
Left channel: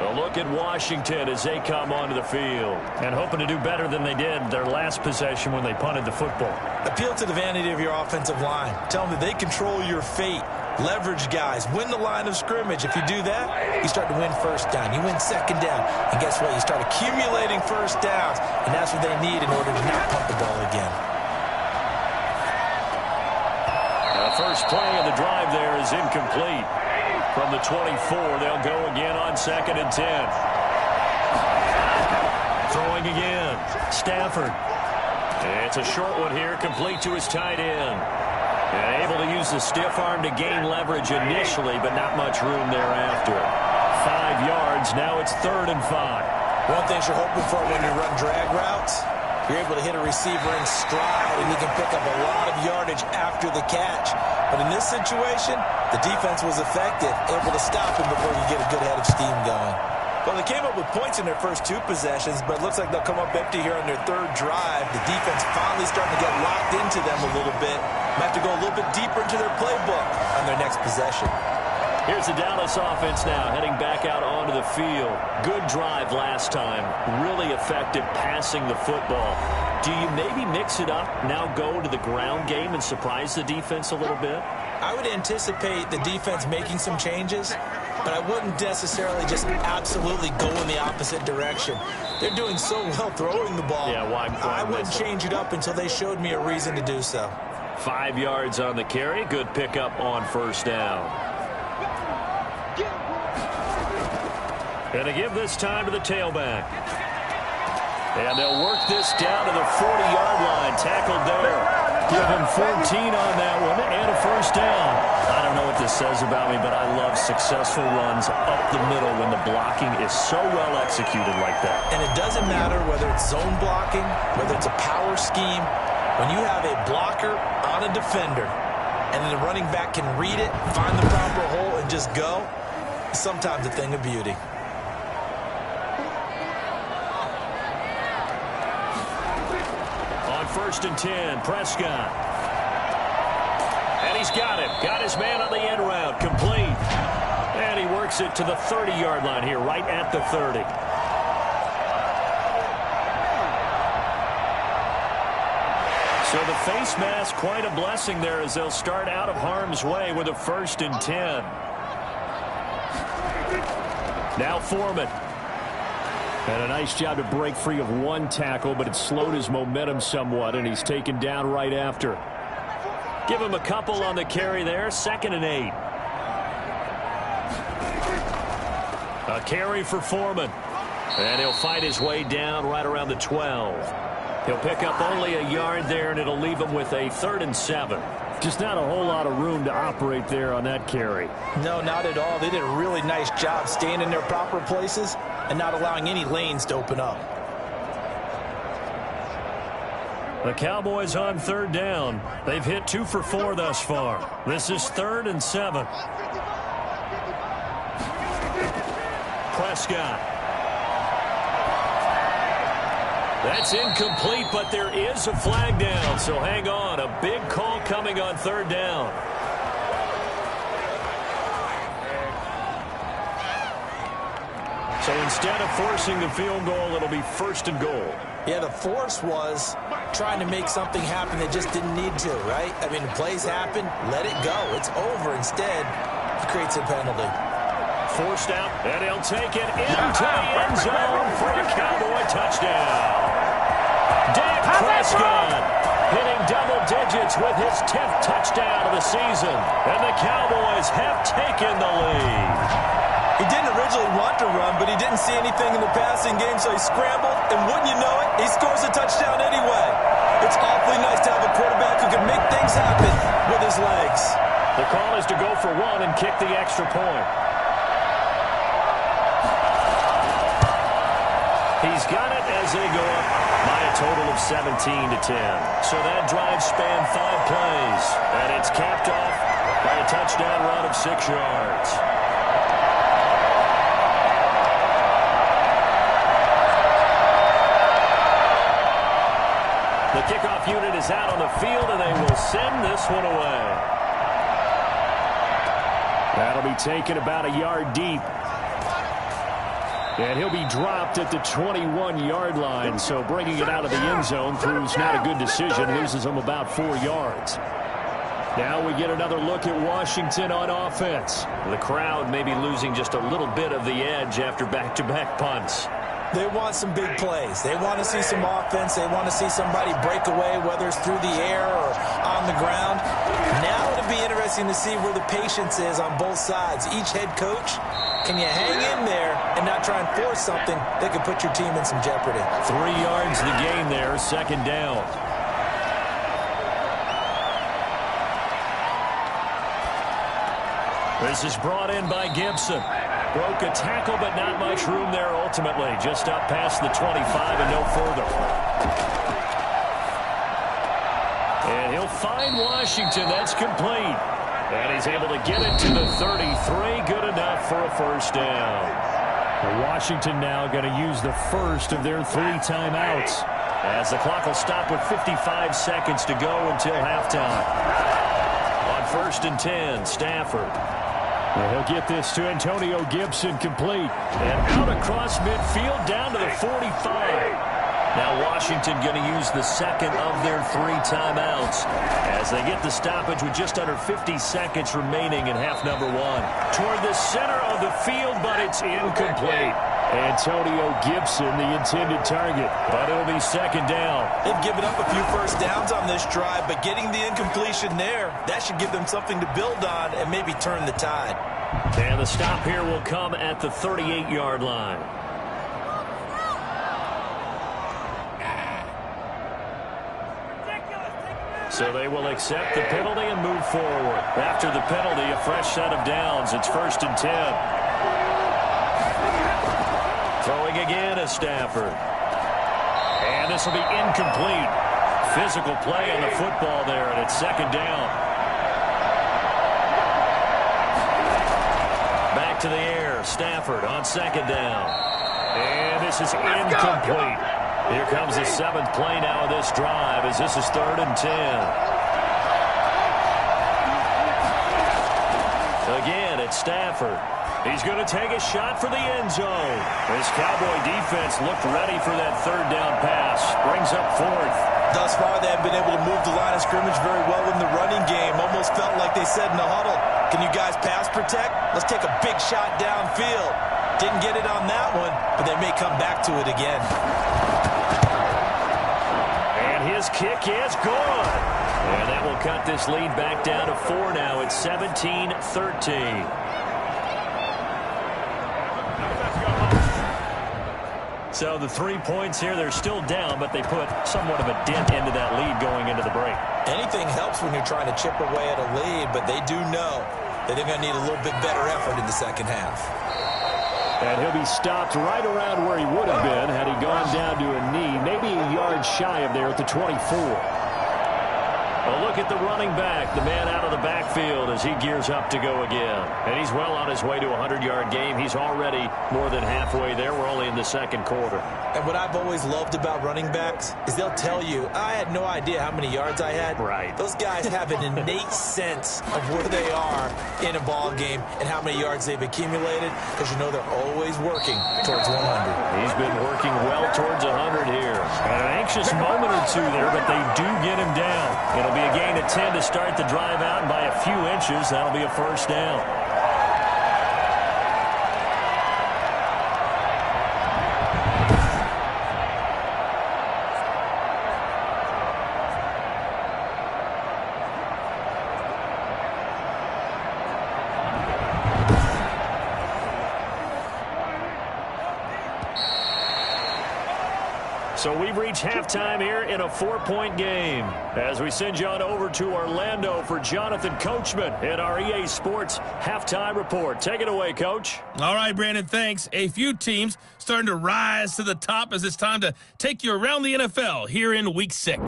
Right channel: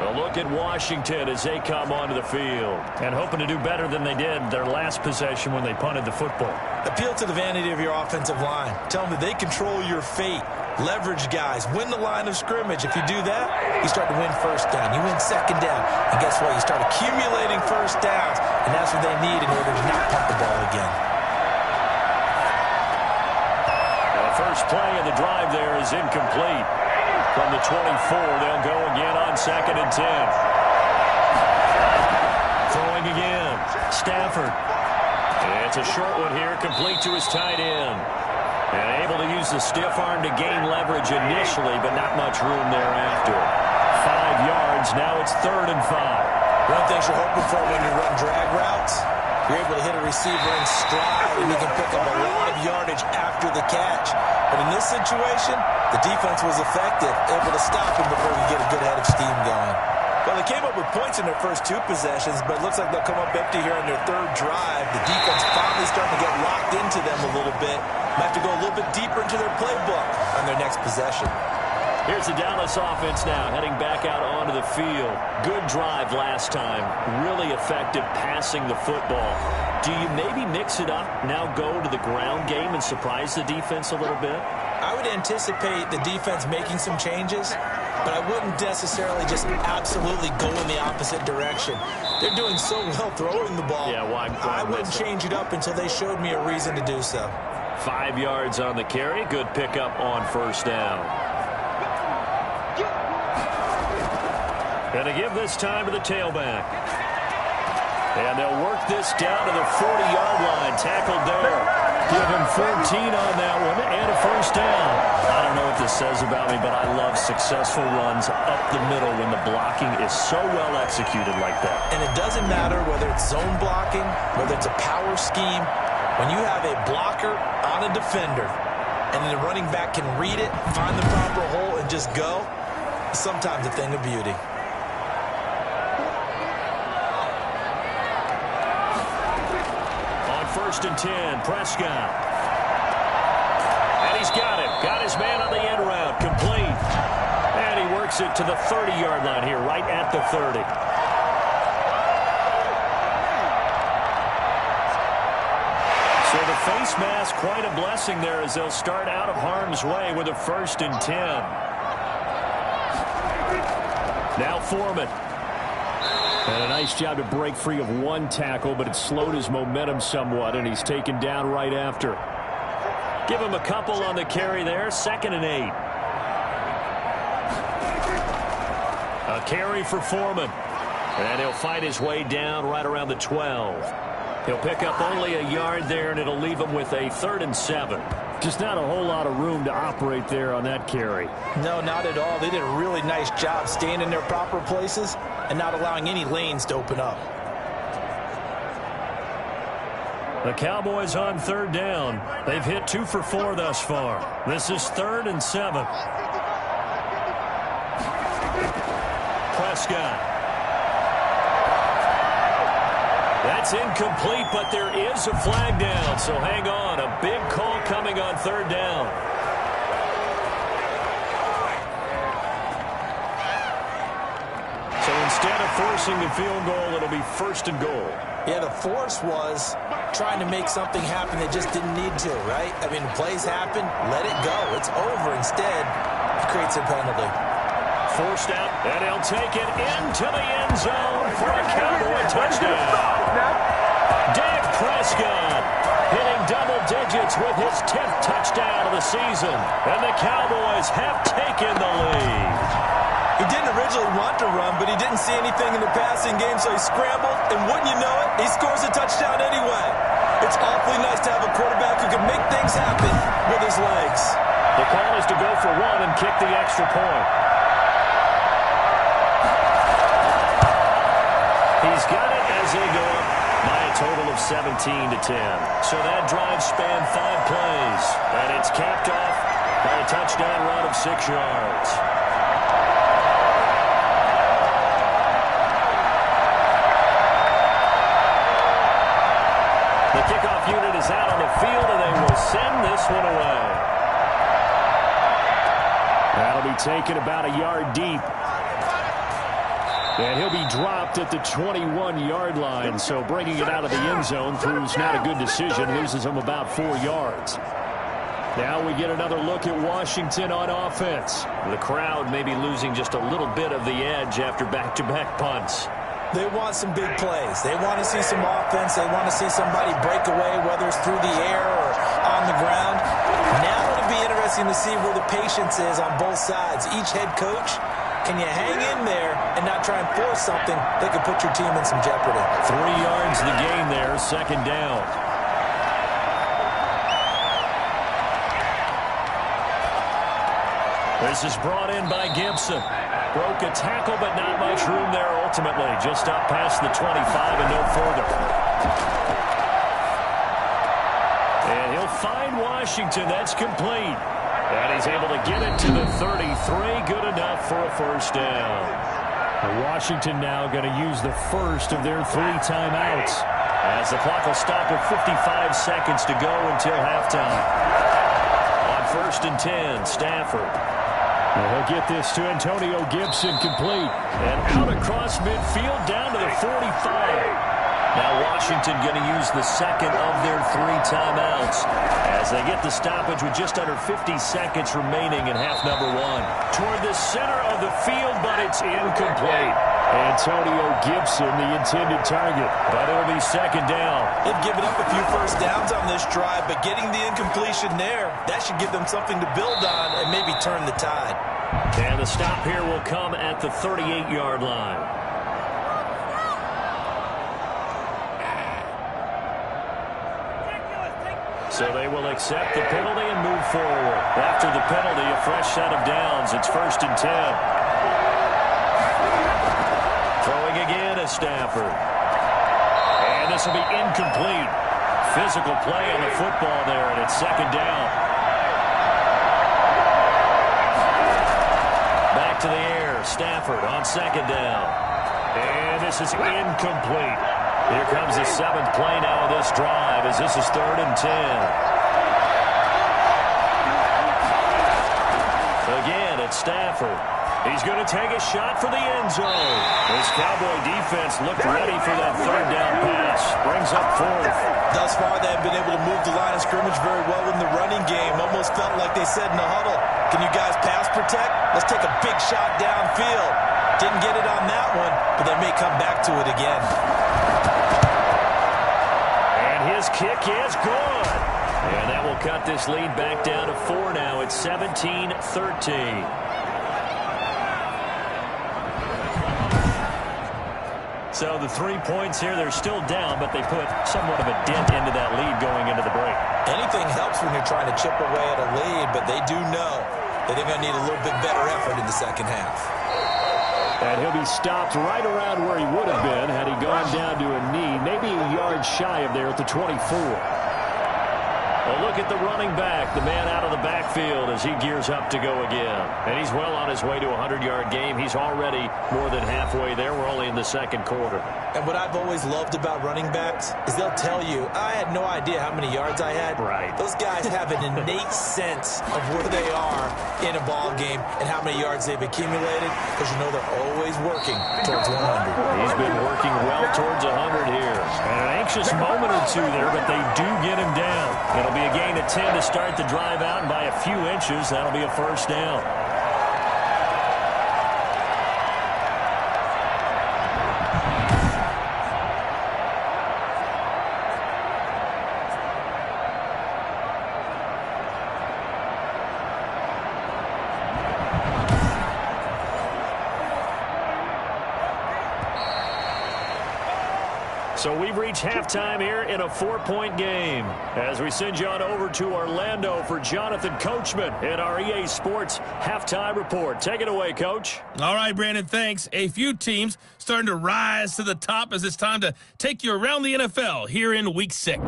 A look at Washington as they come onto the field and hoping to do better than they did their last possession when they punted the football. Appeal to the vanity of your offensive line. Tell them that they control your fate. Leverage guys. Win the line of scrimmage. If you do that, you start to win first down. You win second down. And guess what? You start accumulating first downs. And that's what they need in order to not punt the ball again. Now the first play of the drive there is incomplete. From the 24, they'll go again on 2nd and 10. Throwing again. Stafford. It's a short one here, complete to his tight end. And able to use the stiff arm to gain leverage initially, but not much room thereafter. 5 yards, now it's 3rd and 5. One thing you're hoping for when you run drag routes, you're able to hit a receiver in stride, and he can pick up a lot of yardage after the catch. But in this situation, the defense was effective, able to stop him before you get a good head of steam going. Well, they came up with points in their first 2 possessions, but it looks like they'll come up empty here on their 3rd drive. The defense finally starting to get locked into them a little bit. Might have to go a little bit deeper into their playbook on their next possession. Here's the Dallas offense now heading back out onto the field. Good drive last time. Really effective passing the football. Do you maybe mix it up, now go to the ground game and surprise the defense a little bit? I would anticipate the defense making some changes, but I wouldn't necessarily just absolutely go in the opposite direction. They're doing so well throwing the ball. Yeah, why I wouldn't change it up until they showed me a reason to do so. 5 yards on the carry. Good pickup on 1st down. And to give this time to the tailback. And they'll work this down to the 40-yard line. Tackled there. Give him 14 on that one and a 1st down. I don't know what this says about me, but I love successful runs up the middle when the blocking is so well executed like that. And it doesn't matter whether it's zone blocking, whether it's a power scheme. When you have a blocker on a defender and the running back can read it, find the proper hole, and just go, it's sometimes a thing of beauty. On 1st and 10, Prescott. And he's got him. Got his man on the end route. Complete. And he works it to the 30-yard line here, right at the 30. So the face mask, quite a blessing there as they'll start out of harm's way with a 1st and 10. Now Foreman. And a nice job to break free of 1 tackle, but it slowed his momentum somewhat, and he's taken down right after. Give him a couple on the carry there. 2nd and 8. A carry for Foreman. And he'll fight his way down right around the 12. He'll pick up only a yard there, and it'll leave him with a 3rd and 7. Just not a whole lot of room to operate there on that carry. No, not at all. They did a really nice job staying in their proper places and not allowing any lanes to open up. The Cowboys on 3rd down. They've hit 2 for 4 thus far. This is 3rd and 7. Prescott. That's incomplete, but there is a flag down, so hang on. A big call coming on 3rd down. So instead of forcing the field goal, it'll be 1st and goal. Yeah, the force was trying to make something happen that just didn't need to, right? I mean, plays happen, let it go. It's over. Instead, it creates a penalty. Forced out, and he'll take it into the end zone for a Cowboy touchdown. Dak Prescott hitting double digits with his 10th touchdown of the season. And the Cowboys have taken the lead. He didn't originally want to run, but he didn't see anything in the passing game, so he scrambled, and wouldn't you know it, he scores a touchdown anyway. It's awfully nice to have a quarterback who can make things happen with his legs. The call is to go for one and kick the extra point. He's got it as they go up by a total of 17-10. So that drive spanned 5 plays, and it's capped off by a touchdown run of 6 yards. The kickoff unit is out on the field, and they will send this one away. That'll be taken about a yard deep. And he'll be dropped at the 21-yard line, so bringing it out of the end zone proves not a good decision, loses him about 4 yards. Now we get another look at Washington on offense. The crowd may be losing just a little bit of the edge after back-to-back punts. They want some big plays. They want to see some offense. They want to see somebody break away, whether it's through the air or on the ground. Now it'll be interesting to see where the patience is on both sides. Each head coach, can you hang in there and not try and force something that could put your team in some jeopardy? 3 yards the gain there, second down. This is brought in by Gibson. Broke a tackle, but not much room there ultimately. Just up past the 25 and no further. And he'll find Washington. That's complete. And he's able to get it to the 33. Good enough for a first down. And Washington now going to use the first of their 3 timeouts, as the clock will stop with 55 seconds to go until halftime. On 1st and 10, Stafford. And he'll get this to Antonio Gibson, complete. And out across midfield down to the 45. Now Washington going to use the second of their 3 timeouts as they get the stoppage with just under 50 seconds remaining in half number 1. Toward the center of the field, but it's incomplete. Antonio Gibson, the intended target, but it'll be second down. They've given up a few first downs on this drive, but getting the incompletion there, that should give them something to build on and maybe turn the tide. And the stop here will come at the 38-yard line. So they will accept the penalty and move forward. After the penalty, a fresh set of downs. It's 1st and 10. Throwing again is Stafford. And this will be incomplete. Physical play on the football there, and it's second down. Back to the air. Stafford on second down. And this is incomplete. Here comes the 7th play now of this drive, as this is 3rd and 10. Again, it's Stafford. He's going to take a shot for the end zone. This Cowboy defense looked ready for that 3rd down pass. Brings up 4th. Thus far, they have been able to move the line of scrimmage very well in the running game. Almost felt like they said in the huddle, can you guys pass protect? Let's take a big shot downfield. Didn't get it on that one, but they may come back to it again. And his kick is good. And that will cut this lead back down to 4 now. It's 17-13. So the 3 points here, they're still down, but they put somewhat of a dent into that lead going into the break. Anything helps when you're trying to chip away at a lead, but they do know that they're going to need a little bit better effort in the second half. And he'll be stopped right around where he would have been had he gone down to a knee, maybe a yard shy of there at the 24. A look at the running back, the man out of the backfield as he gears up to go again. And he's well on his way to a 100-yard game. He's already more than halfway there. We're only in the second quarter. And what I've always loved about running backs is they'll tell you, I had no idea how many yards I had. Right. Those guys have an innate sense of where they are in a ball game and how many yards they've accumulated, because you know they're always working towards 100. He's been working well towards 100 here. And an anxious moment or two there, but they do get him down. It'll be a gain of 10 to start the drive out, and by a few inches, that'll be a first down. So we've reached halftime here in a 4-point game. As we send you on over to Orlando for Jonathan Coachman in our EA Sports Halftime Report. Take it away, Coach. All right, Brandon, thanks. A few teams starting to rise to the top as it's time to take you around the NFL here in Week 6.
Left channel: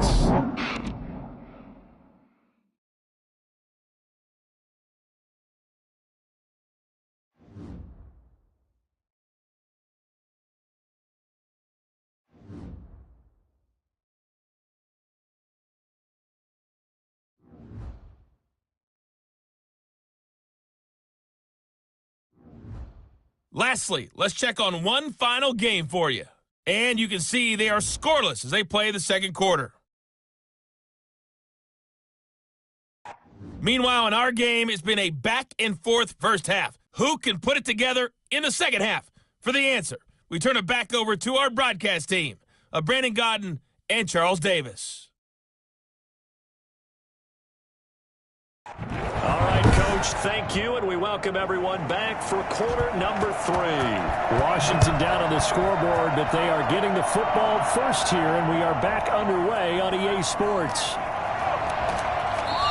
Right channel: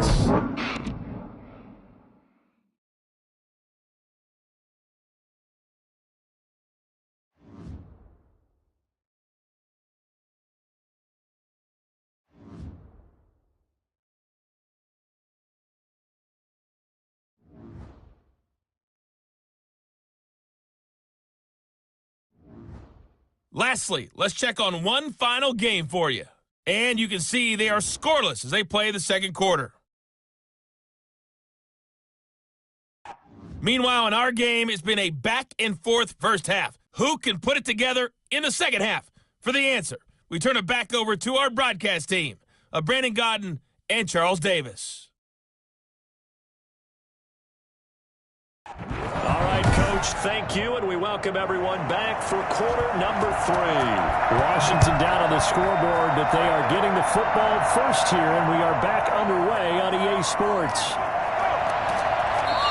Lastly, let's check on one final game for you. And you can see they are scoreless as they play the second quarter. Meanwhile, in our game, it's been a back-and-forth first half. Who can put it together in the second half? For the answer, we turn it back over to our broadcast team of Brandon Godden and Charles Davis. All right, Coach, thank you, and we welcome everyone back for quarter number 3. Washington down on the scoreboard, but they are getting the football first here, and we are back underway on EA Sports.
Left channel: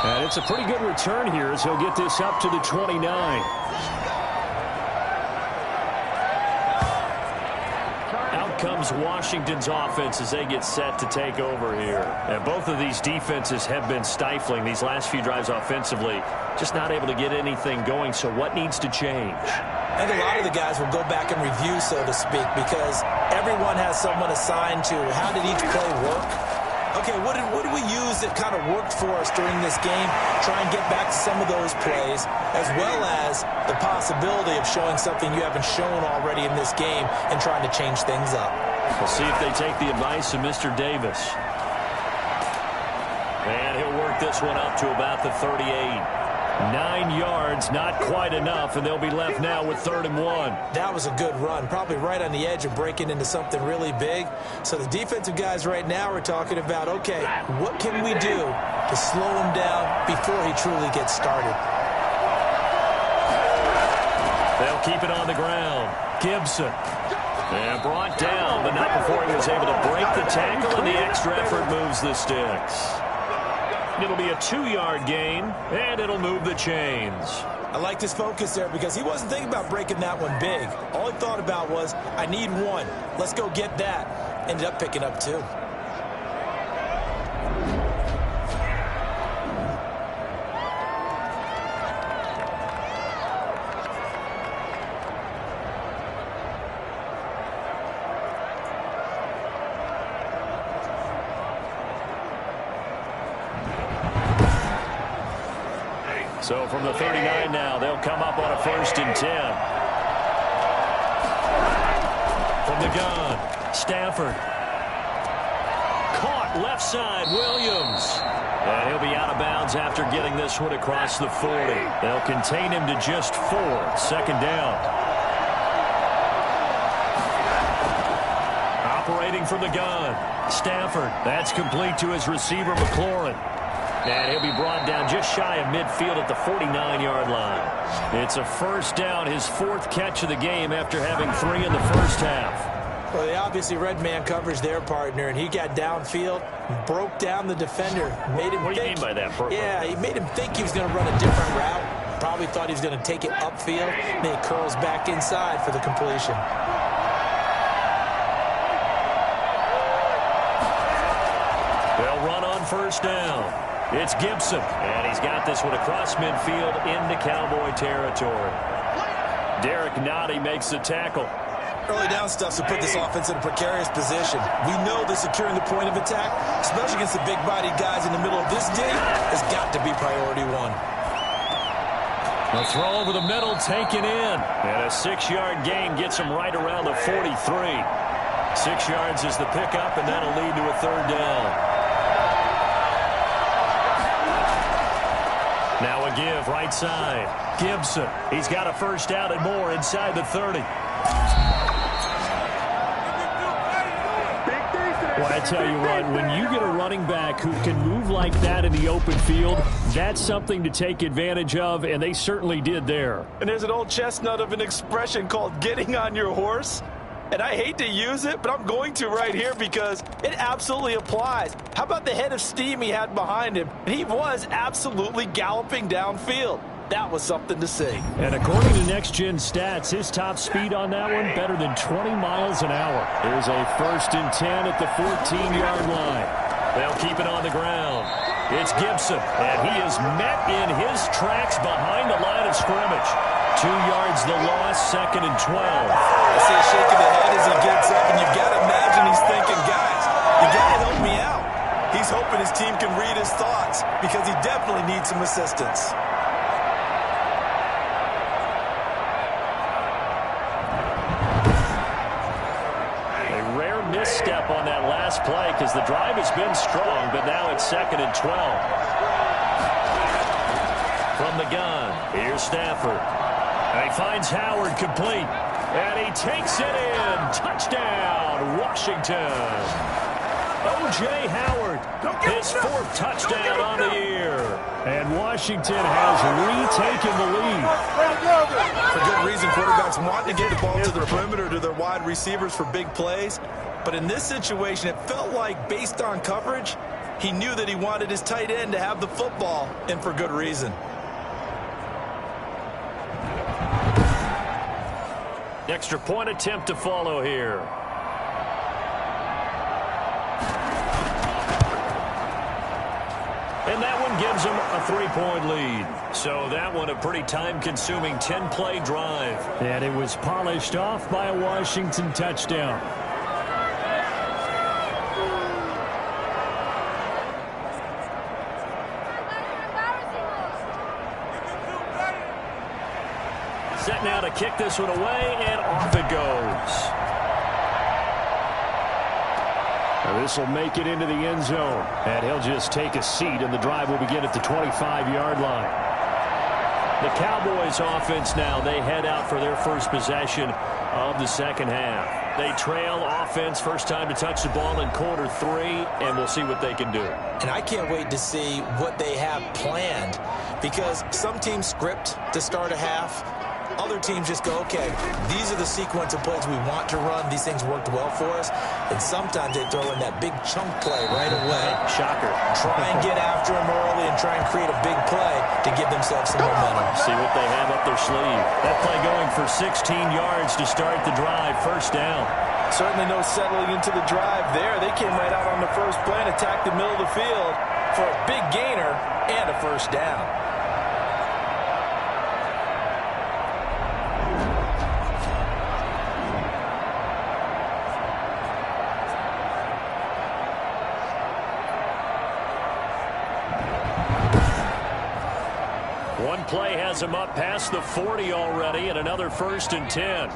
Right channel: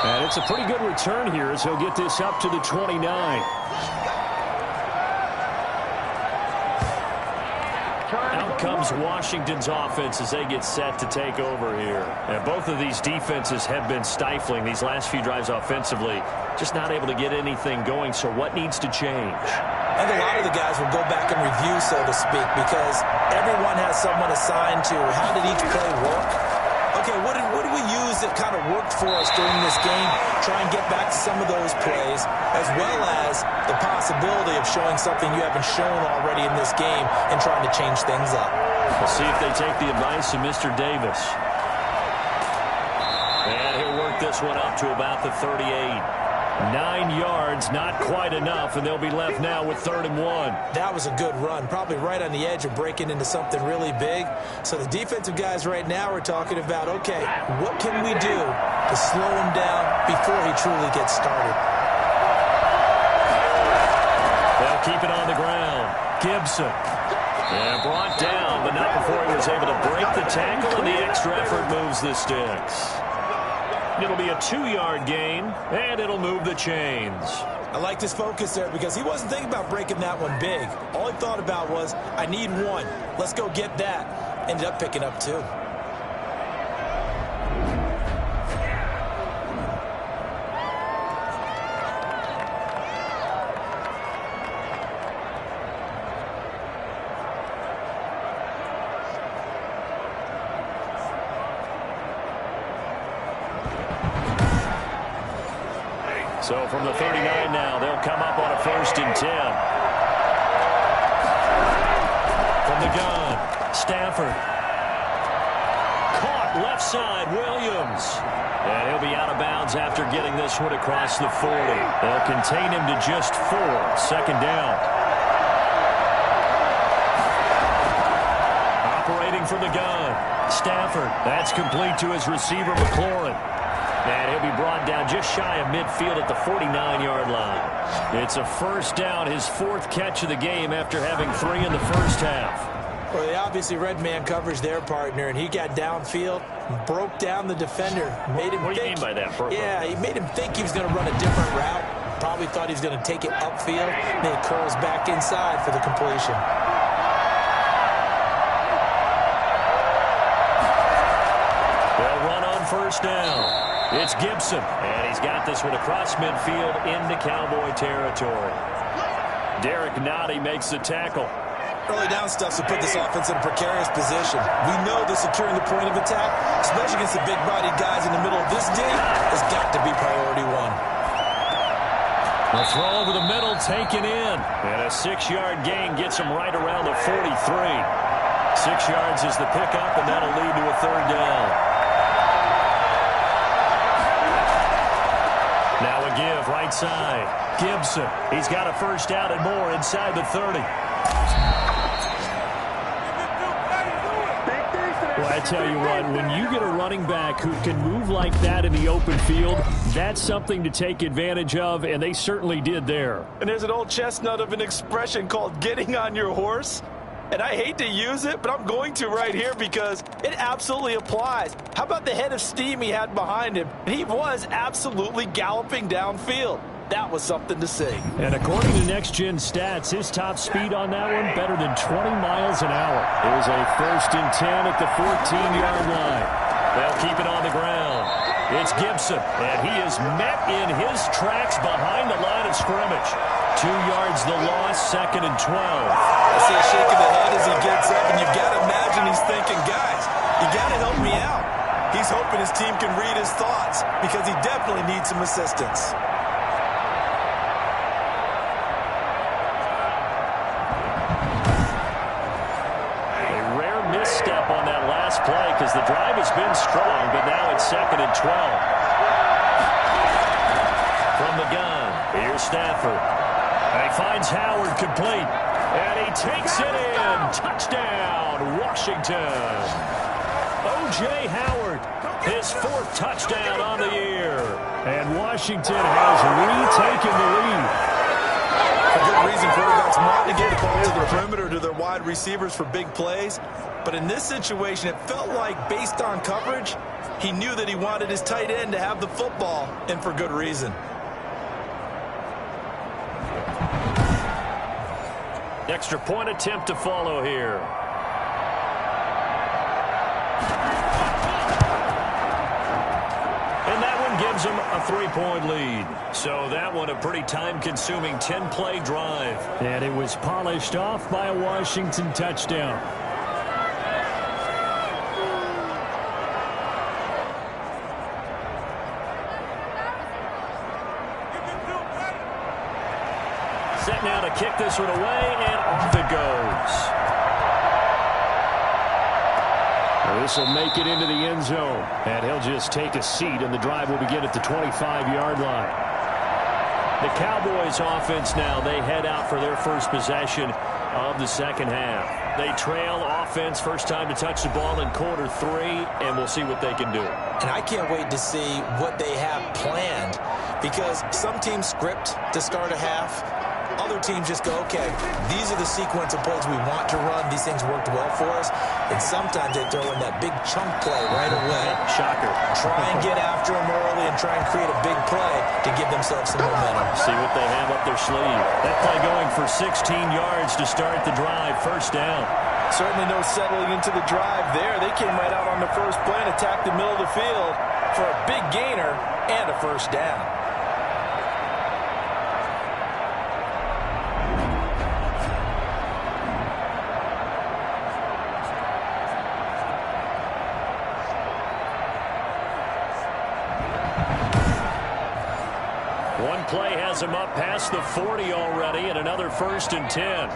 And it's a pretty good return here as he'll get this up to the 29. Out comes Washington's offense as they get set to take over here. And both of these defenses have been stifling these last few drives offensively. Just not able to get anything going, so what needs to change? And a lot of the guys will go back and review, so to speak, because everyone has someone assigned to how did each play work. Okay, what did we use that kind of worked for us during this game? Try and get back to some of those plays, as well as the possibility of showing something you haven't shown already in this game and trying to change things up. We'll see if they take the advice of Mr. Davis. And he'll work this one up to about the 38. 9 yards, not quite enough, and they'll be left now with 3rd and 1. That was a good run, probably right on the edge of breaking into something really big. So the defensive guys right now are talking about, okay, what can we do to slow him down before he truly gets started? They'll keep it on the ground. Gibson. And brought down, but not before he was able to break the tackle, and the extra effort moves the sticks. It'll be a 2-yard gain, and it'll move the chains. I like his focus there because he wasn't thinking about breaking that one big. All he thought about was, I need one. Let's go get that. Ended up picking up 2. So from the 39 now, they'll come up on a 1st and 10. From the gun, Stafford. Caught left side, Williams. And he'll be out of bounds after getting this one across the 40. They'll contain him to just 4. 2nd down. Operating from the gun, Stafford. That's complete to his receiver, McLaurin. And he'll be brought down just shy of midfield at the 49-yard line. It's a 1st down, his 4th catch of the game after having 3 in the first half. Well, they obviously read man coverage their partner, and he got downfield, broke down the defender, made him What do you mean by that? Yeah, he made him think he was going to run a different route. Probably thought he was going to take it upfield, and then he curls back inside for the completion. They'll run on 1st down. It's Gibson, and he's got this one across midfield into Cowboy territory. Derek Nottie makes the tackle. Early down stuff to put this offense in a precarious position. We know that securing the point of attack, especially against the big-bodied guys in the middle of this day, has got to be priority 1. A throw over the middle taken in, and a 6-yard gain gets him right around the 43. 6 yards is the pickup, and that'll lead to a 3rd down. Now a give, right side. Gibson. He's got a 1st down and more inside the 30. Well, I tell you what, when you get a running back who can move like that in the open field, that's something to take advantage of, and they certainly did there. And there's an old chestnut of an expression called getting on your horse. And I hate to use it, but I'm going to right here because it absolutely applies. How about the head of steam he had behind him? He was absolutely galloping downfield. That was something to see. And according to Next Gen Stats, his top speed on that one better than 20 miles an hour. Here's a 1st and 10 at the 14-yard line. They'll keep it on the ground. It's Gibson, and he is met in his tracks behind the line of scrimmage. 2 yards the loss, 2nd and 12. I see a shake of the head as he gets up, and you've got to imagine he's thinking, guys, you got to help me out. He's hoping his team can read his thoughts because he definitely needs some assistance. Misstep on that last play because the drive has been strong, but now it's 2nd and 12. From the gun, here's Stafford. And he finds Howard complete. And he takes it in. Touchdown, Washington. O.J. Howard, his 4th touchdown on the year. And Washington has retaken the lead. For good reason, quarterbacks want to get the ball to the perimeter to their wide receivers for big plays. But in this situation, it felt like, based on coverage, he knew that he wanted his tight end to have the football, and for good reason. Extra point attempt to follow here. And that one gives them a 3-point lead. So that one a pretty time-consuming 10-play drive. And it was polished off by a Washington touchdown. Set now to kick this one away, and off it goes. Now this will make it into the end zone, and he'll just take a seat, and the drive will begin at the 25-yard line. The Cowboys offense now, they head out for their first possession of the second half. They trail offense, first time to touch the ball in quarter 3, and we'll see what they can do. And I can't wait to see what they have planned, because some teams script to start a half. Other teams just go, okay, these are the sequence of plays we want to run. These things worked well for us. And sometimes they throw in that big chunk play right away. Shocker. Try and get after them early and try and create a big play to give themselves some momentum. See what they have up their sleeve. That play going for 16 yards to start the drive. First down. Certainly no settling into the drive there. They came right out on the first play and attacked the middle of the field for a big gainer and a first down. One play has him up past the 40 already, and another 1st and 10.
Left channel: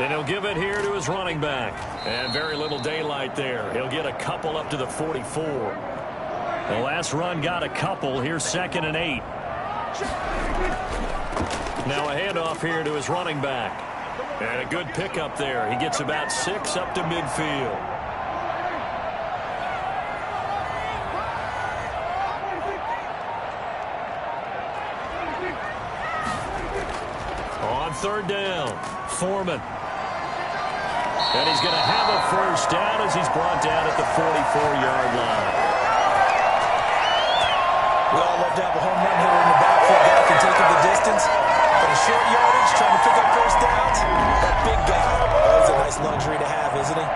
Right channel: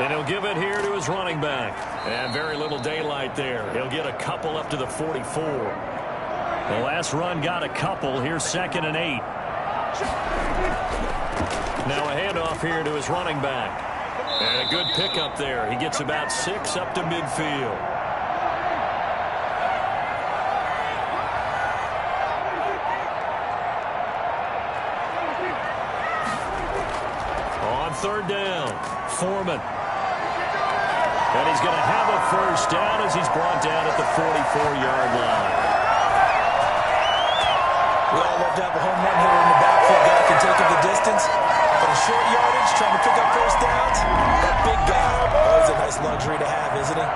And he'll give it here to his running back. And very little daylight there. He'll get a couple up to the 44. The last run got a couple. Here's 2nd and 8. Now a handoff here to his running back. And a good pickup there. He gets about 6 up to midfield. On 3rd down, Foreman. And he's going to have a first down as he's brought down at the 44-yard line. We all love to have a home run hitter in the backfield that can take it the distance. But a short yardage, trying to pick up first downs, that big guy, always a nice luxury to have, isn't he?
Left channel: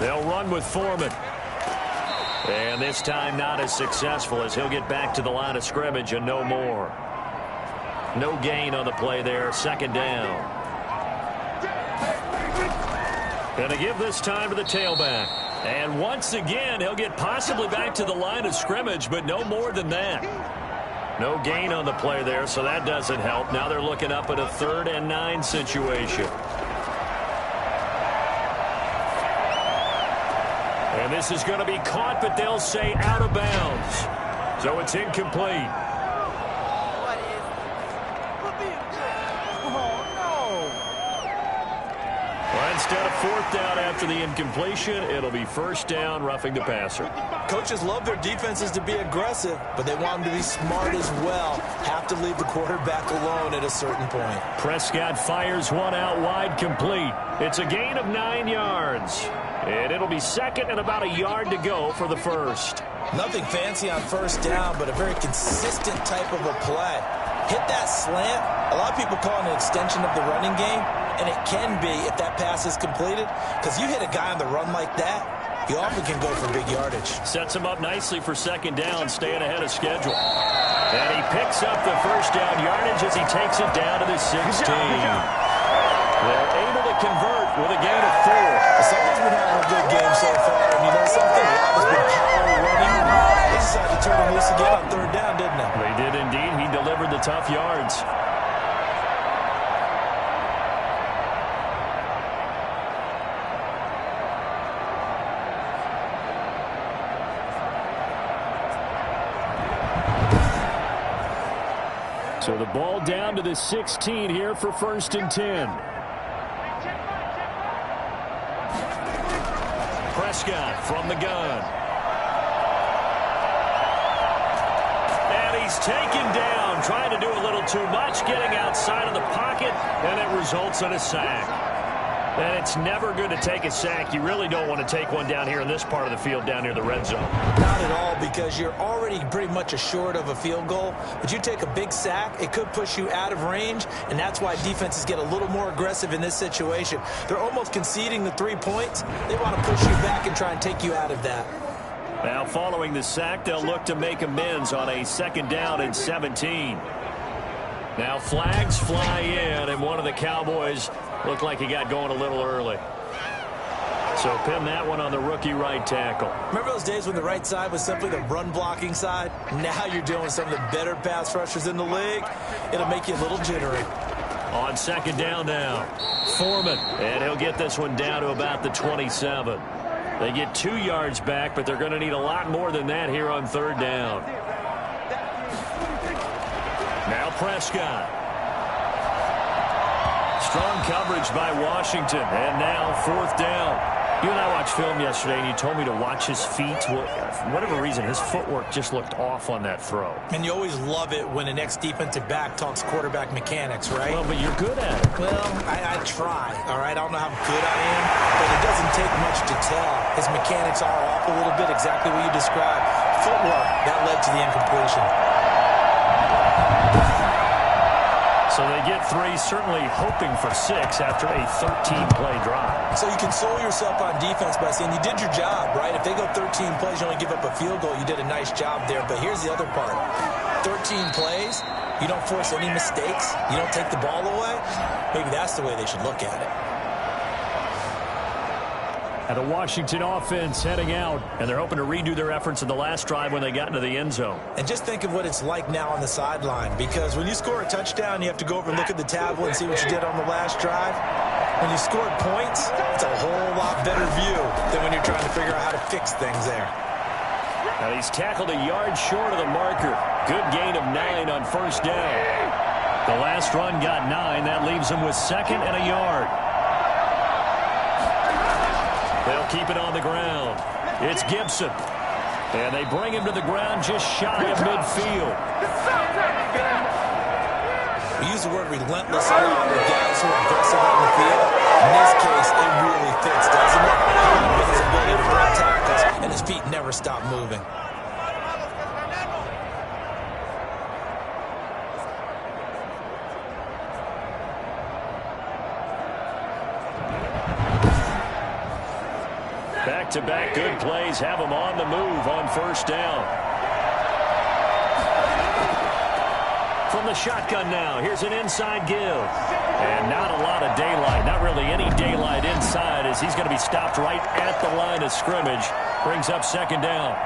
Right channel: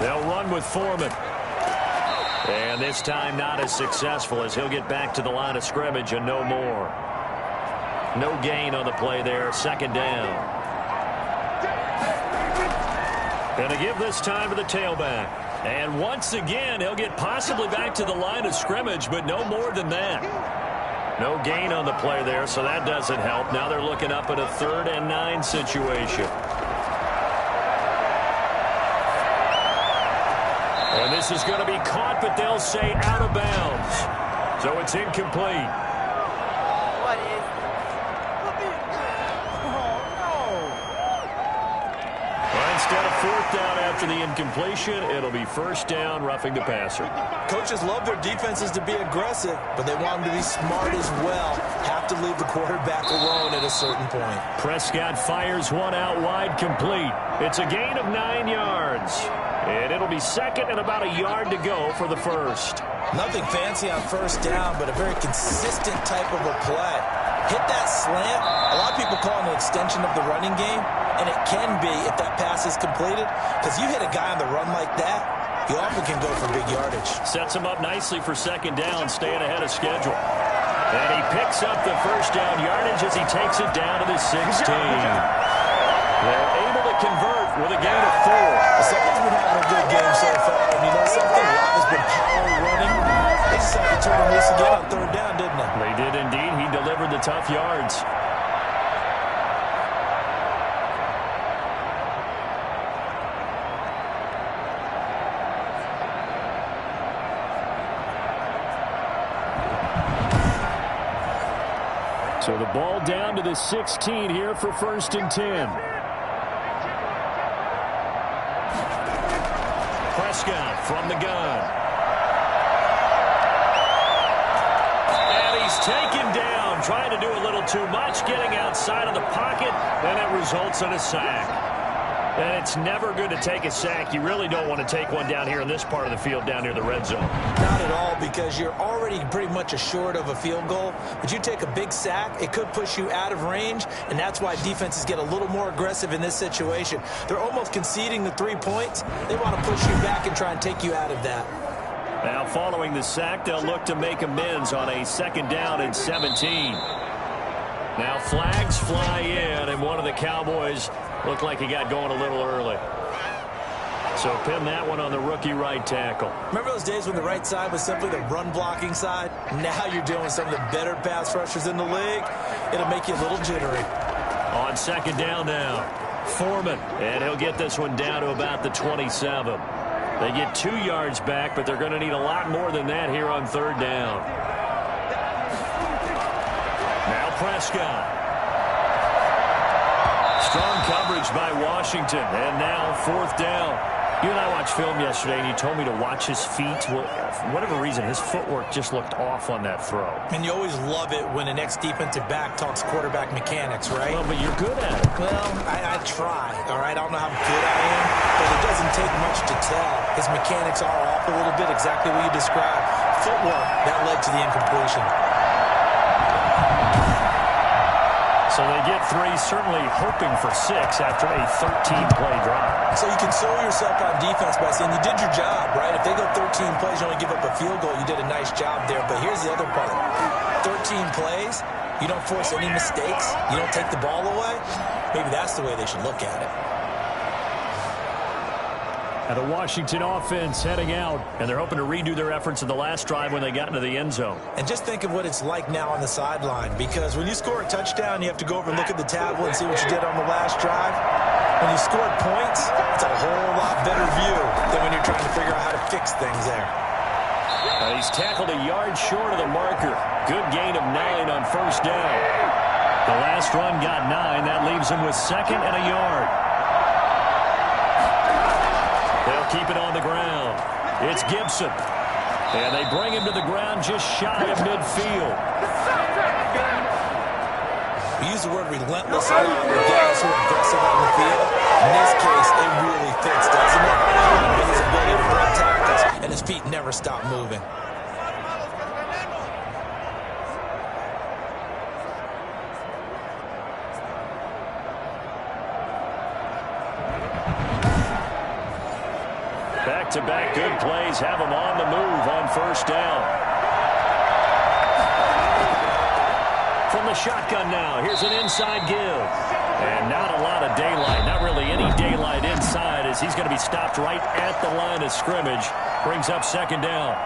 They'll run with Foreman. And this time not as successful as he'll get back to the line of scrimmage and no more. No gain on the play there. 2nd down. Going to give this time to the tailback. And once again, he'll get possibly back to the line of scrimmage, but no more than that. No gain on the play there, so that doesn't help. Now they're looking up at a 3rd and 9 situation. And this is going to be caught, but they'll say out of bounds. So it's incomplete. What is Well, instead of fourth down after the incompletion, it'll be first down, roughing the passer. Coaches love their defenses to be aggressive, but they want them to be smart as well. Have to leave the quarterback alone at a certain point. Prescott fires one out wide, complete. It's a gain of 9 yards. And it'll be second and about a yard to go for the first. Nothing fancy on first down, but a very consistent type of a play. Hit that slant. A lot of people call it an extension of the running game, and it can be if that pass is completed, because you hit a guy on the run like that, he often can go for big yardage. Sets him up nicely for second down, staying ahead of schedule. And he picks up the first down yardage as he takes it down to the 16. They're able to convert with a gain of 4. Someone's been having a good game so far, and you know something? A lot has been power running. They decided to turn him loose again on third down, didn't they? They did indeed. He delivered the tough yards. So the ball down to the 16 here for first and 10. Prescott from the gun. And he's taken down, trying to do a little too much, getting outside of the pocket, and it results in a sack. And it's never good to take a sack. You really don't want to take one down here in this part of the field, down near the red zone. Not at all, because you're already pretty much assured of a field goal. But you take a big sack, it could push you out of range, and that's why defenses get a little more aggressive in this situation. They're almost conceding the 3 points. They want to push you back and try and take you out of that. Now, following the sack, they'll look to make amends on a second down and 17. Now, flags fly in, and one of the Cowboys looked like he got going a little early. So pin that one on the rookie right tackle. Remember those days when the right side was simply the run-blocking side? Now you're dealing with some of the better pass rushers in the league. It'll make you a little jittery. On second down now, Foreman, and he'll get this one down to about the 27. They get 2 yards back, but they're going to need a lot more than that here on third down. Now Prescott. Strong coverage by Washington, and now fourth down. You and I watched film yesterday, and you told me to watch his feet. Well, for whatever reason, his footwork just looked off on that throw. And you always love it when an ex-defensive back talks quarterback mechanics, right? Well, but you're good at it. Well, I try, all right? I don't know how good I am, but it doesn't take much to tell. His mechanics are off a little bit, exactly what you described. Footwork, that led to the incompletion. So they get 3, certainly hoping for 6 after a 13-play drive. So you console yourself on defense by saying you did your job, right? If they go 13 plays, you only give up a field goal, you did a nice job there. But here's the other part. 13 plays, you don't force any mistakes, you don't take the ball away. Maybe that's the way they should look at it. And the Washington offense heading out, and they're hoping to redo their efforts in the last drive when they got into the end zone. And just think of what it's like now on the sideline, because when you score a touchdown, you have to go over and look at the tablet and see what you did on the last drive. When you scored points, it's a whole lot better view than when you're trying to figure out how to fix things there. And he's tackled a yard short of the marker. Good gain of 9 on first down. The last run got 9. That leaves him with second and a yard. They'll keep it on the ground. It's Gibson. And they bring him to the ground just shy of midfield. We use the word relentless a lot with guys who are aggressive on the field. In this case, it really fits, doesn't it? With his ability to break tackles, and his feet never stop moving. Back-to-back good plays have them on the move on first down. From the shotgun now, here's an inside give. And not a lot of daylight, not really any daylight inside, as he's going to be stopped right at the line of scrimmage. Brings up second down.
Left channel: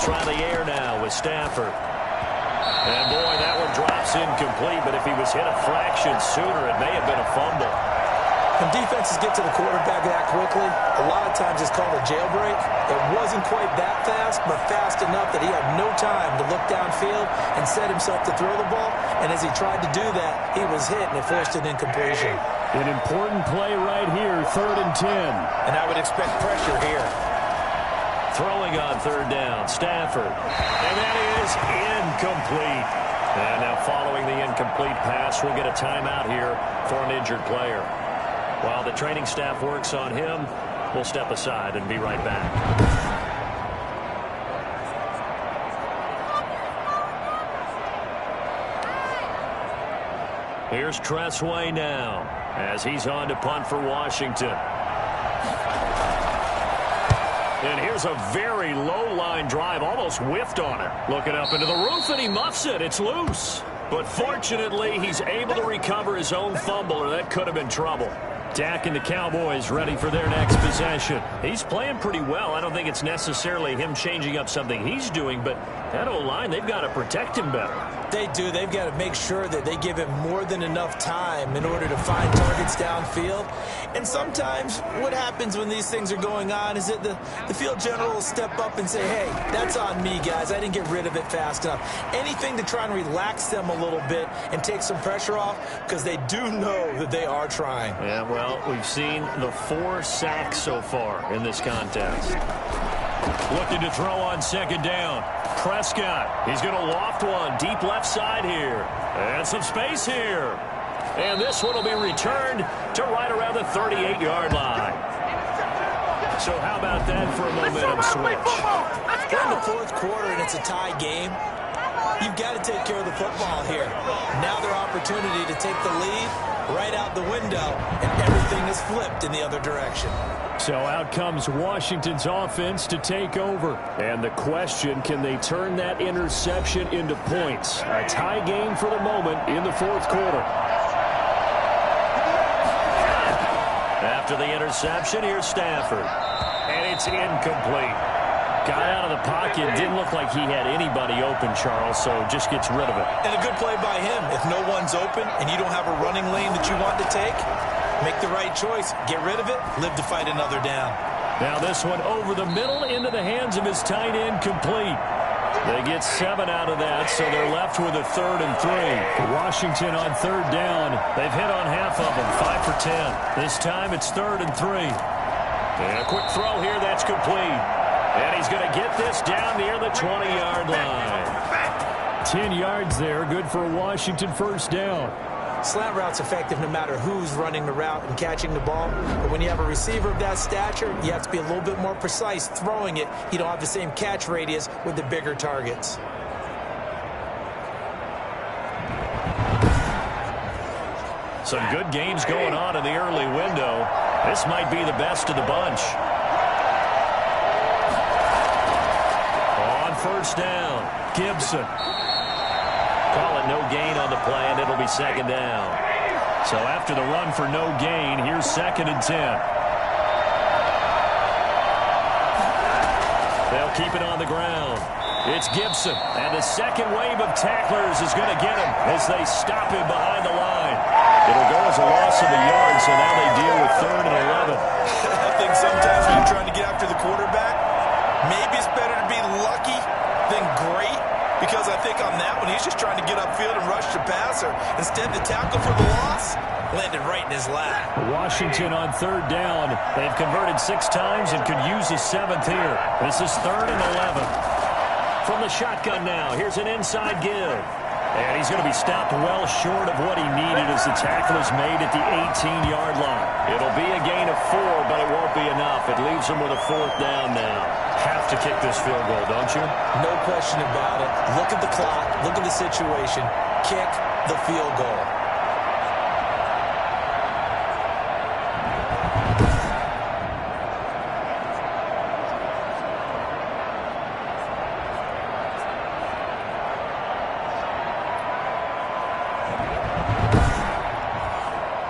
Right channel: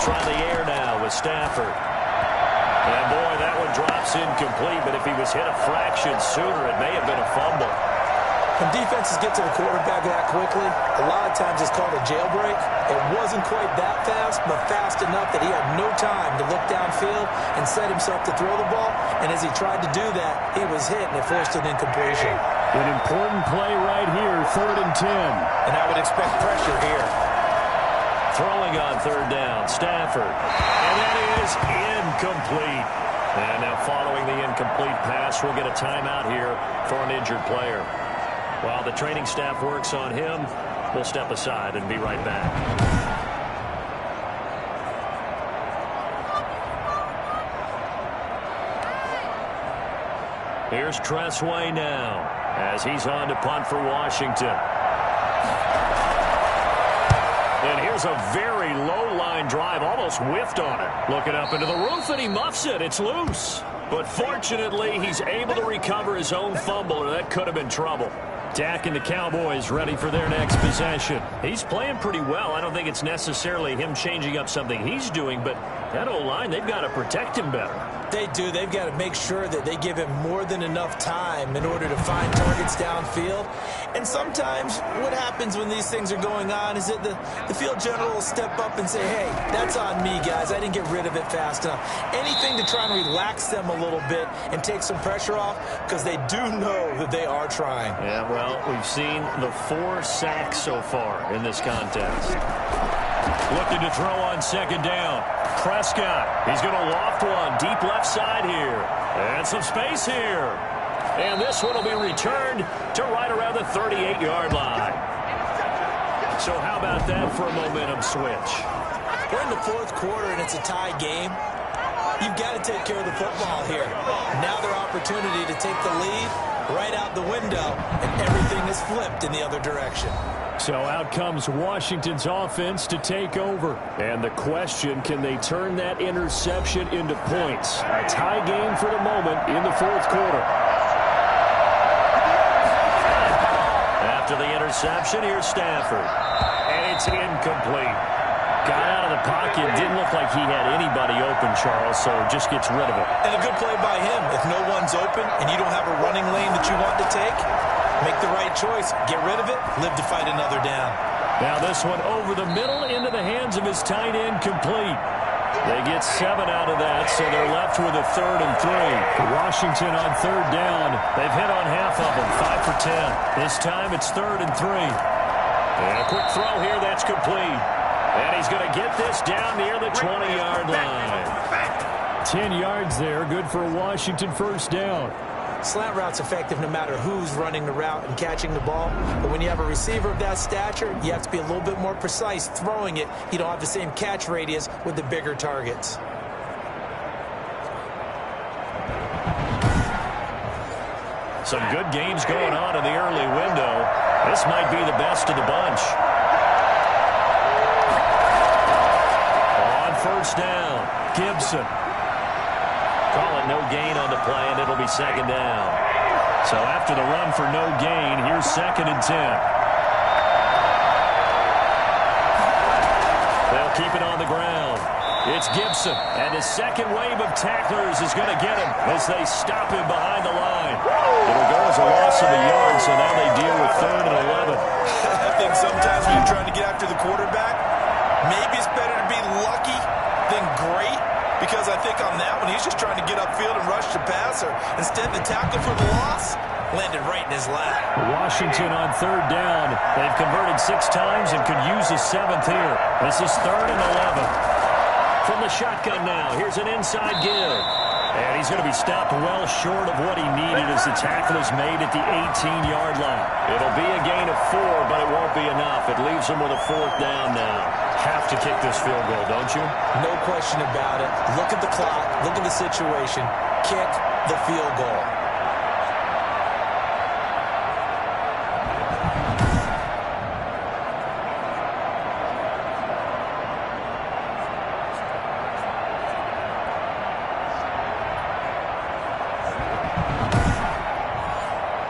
Try the air now with Stafford. And boy, that one drops incomplete, but if he was hit a fraction sooner, it may have been a fumble. When defenses get to the quarterback that quickly, a lot of times it's called a jailbreak. It wasn't quite that fast, but fast enough that he had no time to look downfield and set himself to throw the ball. And as he tried to do that, he was hit, and it forced an incompletion. An important play right here, 3rd and 10. And I would expect pressure here. Throwing on 3rd down, Stafford. And that is incomplete. And now following the incomplete pass, we'll get a timeout here for an injured player. While the training staff works on him, we'll step aside and be right back. Here's Tressway now as he's on to punt for Washington. And here's a very low-line drive, almost whiffed on it. Looking up into the roof, and he muffs it. It's loose. But fortunately, he's able to recover his own fumble, or that could have been trouble. Dak and the Cowboys ready for their next possession. He's playing pretty well. I don't think it's necessarily him changing up something he's doing, but that O-line, they've got to protect him better. They do. They've got to make sure that they give him more than enough time in order to find targets downfield. And sometimes what happens when these things are going on is that the field general will step up and say, hey, that's on me, guys. I didn't get rid of it fast enough. Anything to try and relax them a little bit and take some pressure off, because they do know that they are trying. Yeah, well, we've seen the 4 sacks so far in this contest. Looking to throw on 2nd down. Prescott, he's going to loft one deep left side here. And some space here. And this one will be returned to right around the 38-yard line. So how about that for a momentum switch? We're in the 4th quarter and it's a tie game. You've got to take care of the football here. Now their opportunity to take the lead right out the window, and everything is flipped in the other direction. So out comes Washington's offense to take over. And the question, can they turn that interception into points? A tie game for the moment in the 4th quarter. After the interception, here's Stafford. And it's incomplete. Got out of the pocket. Didn't look like he had anybody open, Charles, so just gets rid of it. And a good play by him. If no one's open and you don't have a running lane that you want to take, make the right choice. Get rid of it. Live to fight another down. Now this one over the middle into the hands of his tight end, complete. They get 7 out of that, so they're left with a 3rd and 3. Washington on 3rd down. They've hit on half of them, 5 for 10. This time it's 3rd and 3. And a quick throw here, that's complete. And he's going to get this down near the 20-yard line. 10 yards there, good for a Washington 1st down. Slant route's effective no matter who's running the route and catching the ball. But when you have a receiver of that stature, you have to be a little bit more precise throwing it. You don't have the same catch radius with the bigger targets. Some good games going on in the early window. This might be the best of the bunch. On 1st down, Gibson. Call it no gain on the play, and it'll be 2nd down. So after the run for no gain, here's 2nd and 10. They'll keep it on the ground. It's Gibson, and the second wave of tacklers is going to get him as they stop him behind the line. It'll go as a loss of a yard, so now they deal with 3rd and 11. I think sometimes when you're trying to get after the quarterback, maybe it's better to be lucky than great, because I think on that one, he's just trying to get upfield and rush the passer. Instead, the tackle for the loss landed right in his lap. Washington on 3rd down. They've converted 6 times and could use a 7th here. This is 3rd and 11. From the shotgun now, here's an inside give. And he's going to be stopped well short of what he needed as the tackle is made at the 18-yard line. It'll be a gain of 4, but it won't be enough. It leaves him with a 4th down now. Have to kick this field goal, don't you? No question about it. Look at the clock. Look at the situation. Kick the field goal.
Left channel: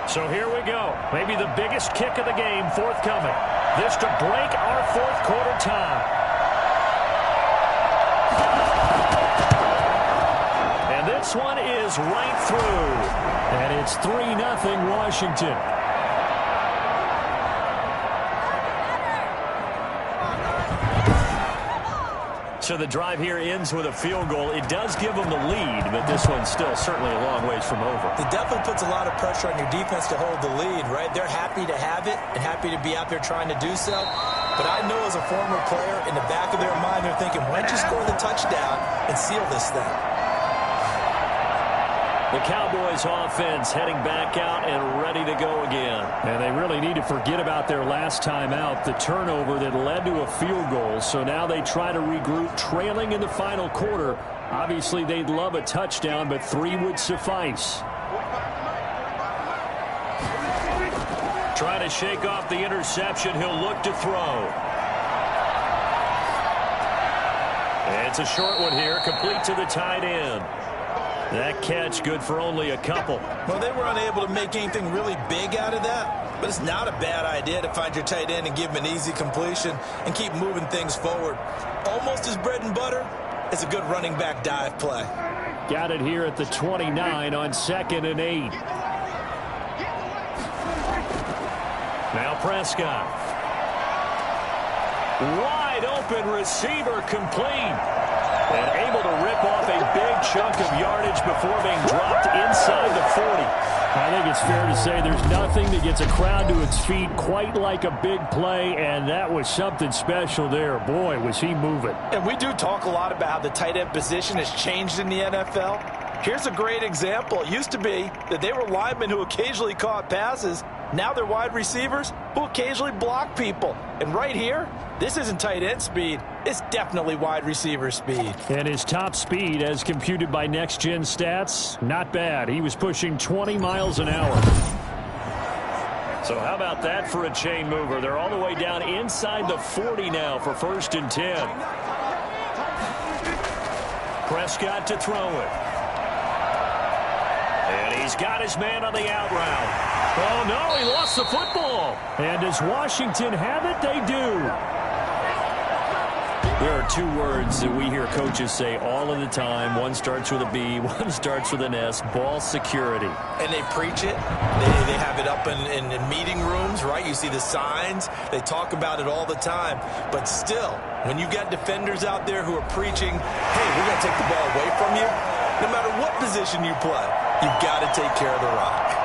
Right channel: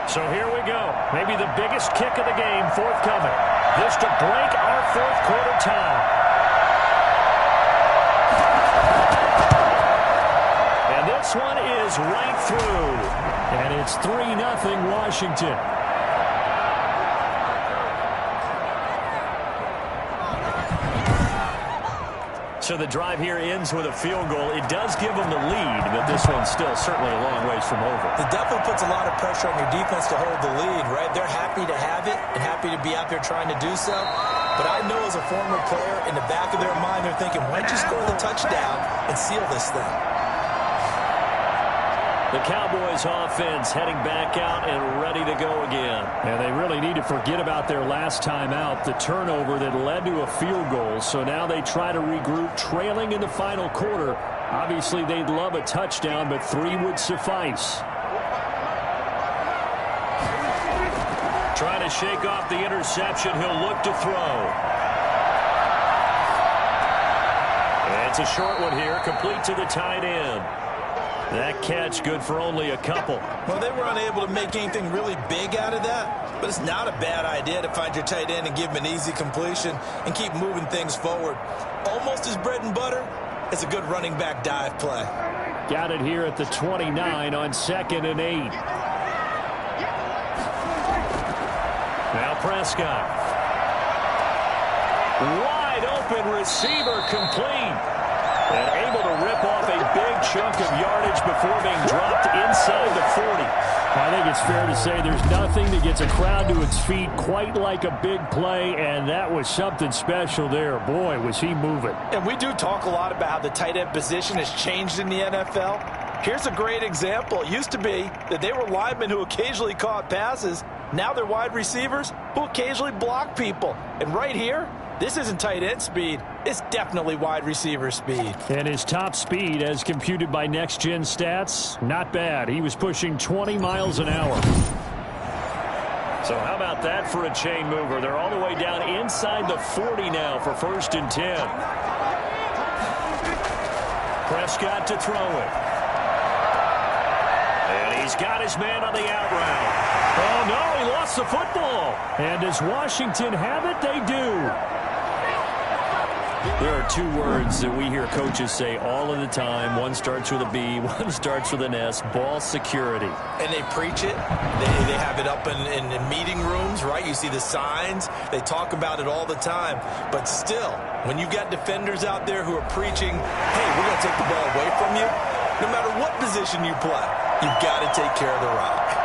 So here we go. Maybe the biggest kick of the game forthcoming. This to break our 4th quarter tie. This one is right through. And it's 3-0 Washington. So the drive here ends with a field goal. It does give them the lead, but this one's still certainly a long ways from over. It definitely puts a lot of pressure on your defense to hold the lead, right? They're happy to have it and happy to be out there trying to do so. But I know as a former player, in the back of their mind, they're thinking, why don't you score the touchdown and seal this thing? The Cowboys offense heading back out and ready to go again. And they really need to forget about their last time out, the turnover that led to a field goal. So now they try to regroup, trailing in the final quarter. Obviously, they'd love a touchdown, but 3 would suffice. Trying to shake off the interception. He'll look to throw. It's a short one here, complete to the tight end. That catch good for only a couple. Well, they were unable to make anything really big out of that, but it's not a bad idea to find your tight end and give him an easy completion and keep moving things forward. Almost as bread and butter as a good running back dive play. Got it here at the 29 on 2nd and 8. Now Prescott. Wide open receiver complete. And able to rip off a big chunk of yardage before being dropped inside the 40. I think it's fair to say there's nothing that gets a crowd to its feet quite like a big play, and that was something special there. Boy, was he moving. And we do talk a lot about how the tight end position has changed in the NFL. Here's a great example. It used to be that they were linemen who occasionally caught passes. Now they're wide receivers who occasionally block people. And right here, this isn't tight end speed. It's definitely wide receiver speed. And his top speed, as computed by Next Gen Stats, not bad. He was pushing 20 miles an hour. So how about that for a chain mover? They're all the way down inside the 40 now for 1st and 10. Prescott to throw it. And he's got his man on the out route. Oh, no, he lost the football. And does Washington have it? They do. There are 2 words that we hear coaches say all of the time. One starts with a B, one starts with an S, ball security. And they preach it. They have it up in meeting rooms, right? You see the signs. They talk about it all the time. But still, when you've got defenders out there who are preaching, hey, we're going to take the ball away from you, no matter what position you play, you've got to take care of the rock.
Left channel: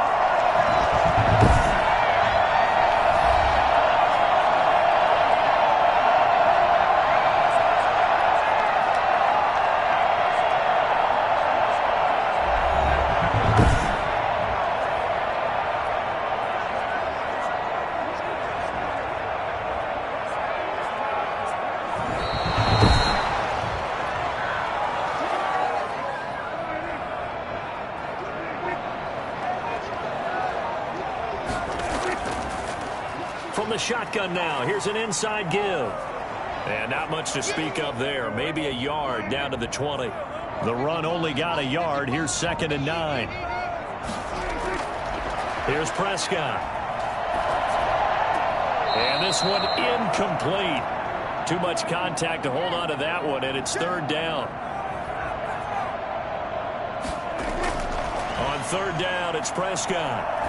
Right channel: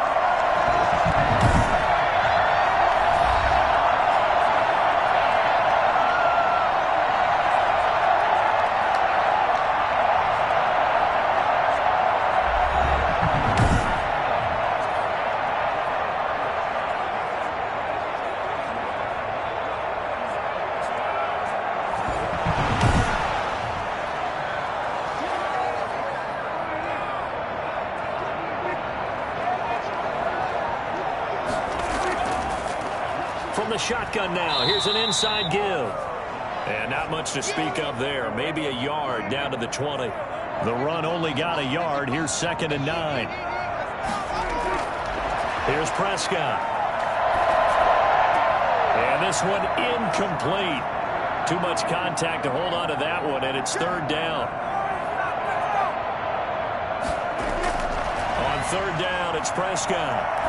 From the shotgun now, here's an inside give. And not much to speak of there. Maybe a yard down to the 20. The run only got a yard. Here's 2nd and 9. Here's Prescott. And this one incomplete. Too much contact to hold on to that one, and it's 3rd down. On 3rd down, it's Prescott.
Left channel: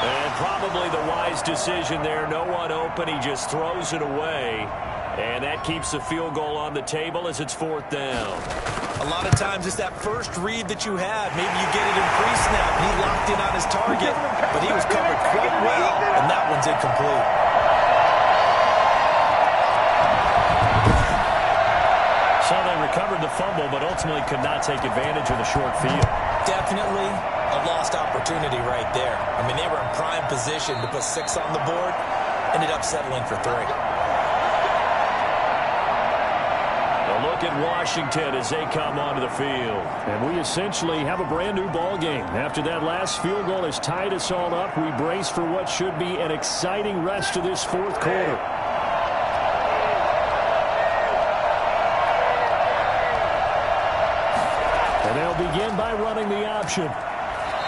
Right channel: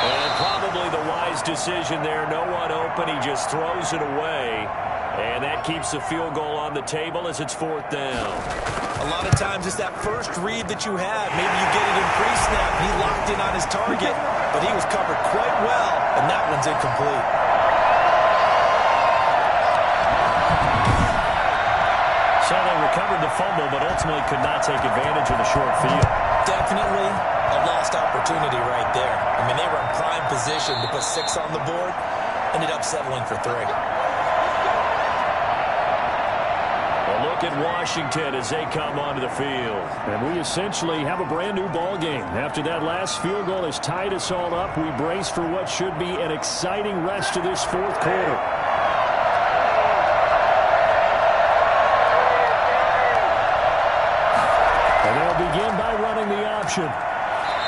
And probably the wise decision there. No one open. He just throws it away. And that keeps the field goal on the table as it's 4th down. A lot of times it's that first read that you have. Maybe you get it in pre-snap. He locked in on his target, but he was covered quite well, and that one's incomplete. So they recovered the fumble, but ultimately could not take advantage of the short field. Definitely a lost opportunity right there. I mean, they were in prime position to put 6 on the board, ended up settling for 3. A look at Washington as they come onto the field. And we essentially have a brand-new ball game. After that last field goal has tied us all up, we brace for what should be an exciting rest of this 4th quarter. And they'll begin by running the option.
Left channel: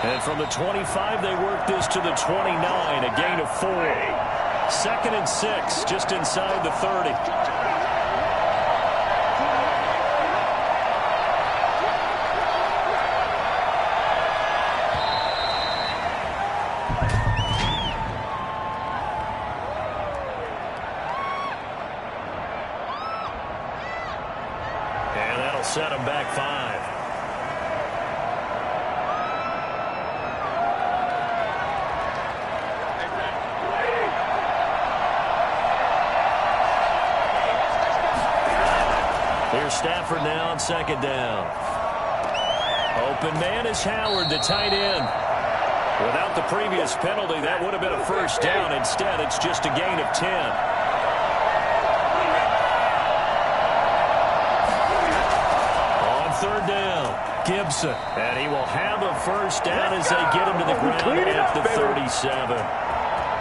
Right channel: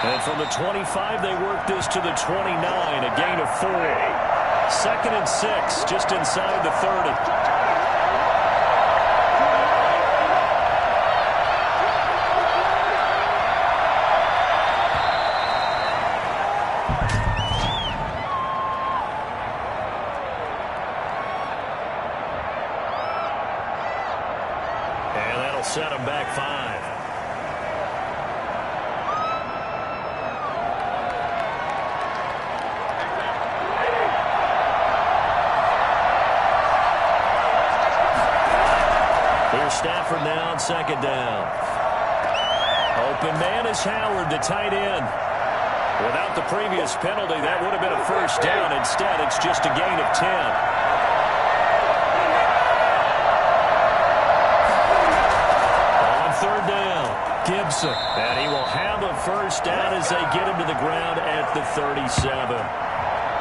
And from the 25, they work this to the 29, a gain of 4. 2nd and 6, just inside the 30. set them back 5. Here's Stafford now on 2nd down. Open man is Howard, the tight end. Without the previous penalty, that would have been a 1st down. Instead, it's just a gain of 10. On 3rd down, Gibson. And he will have a 1st down as they get him to the ground at the 37.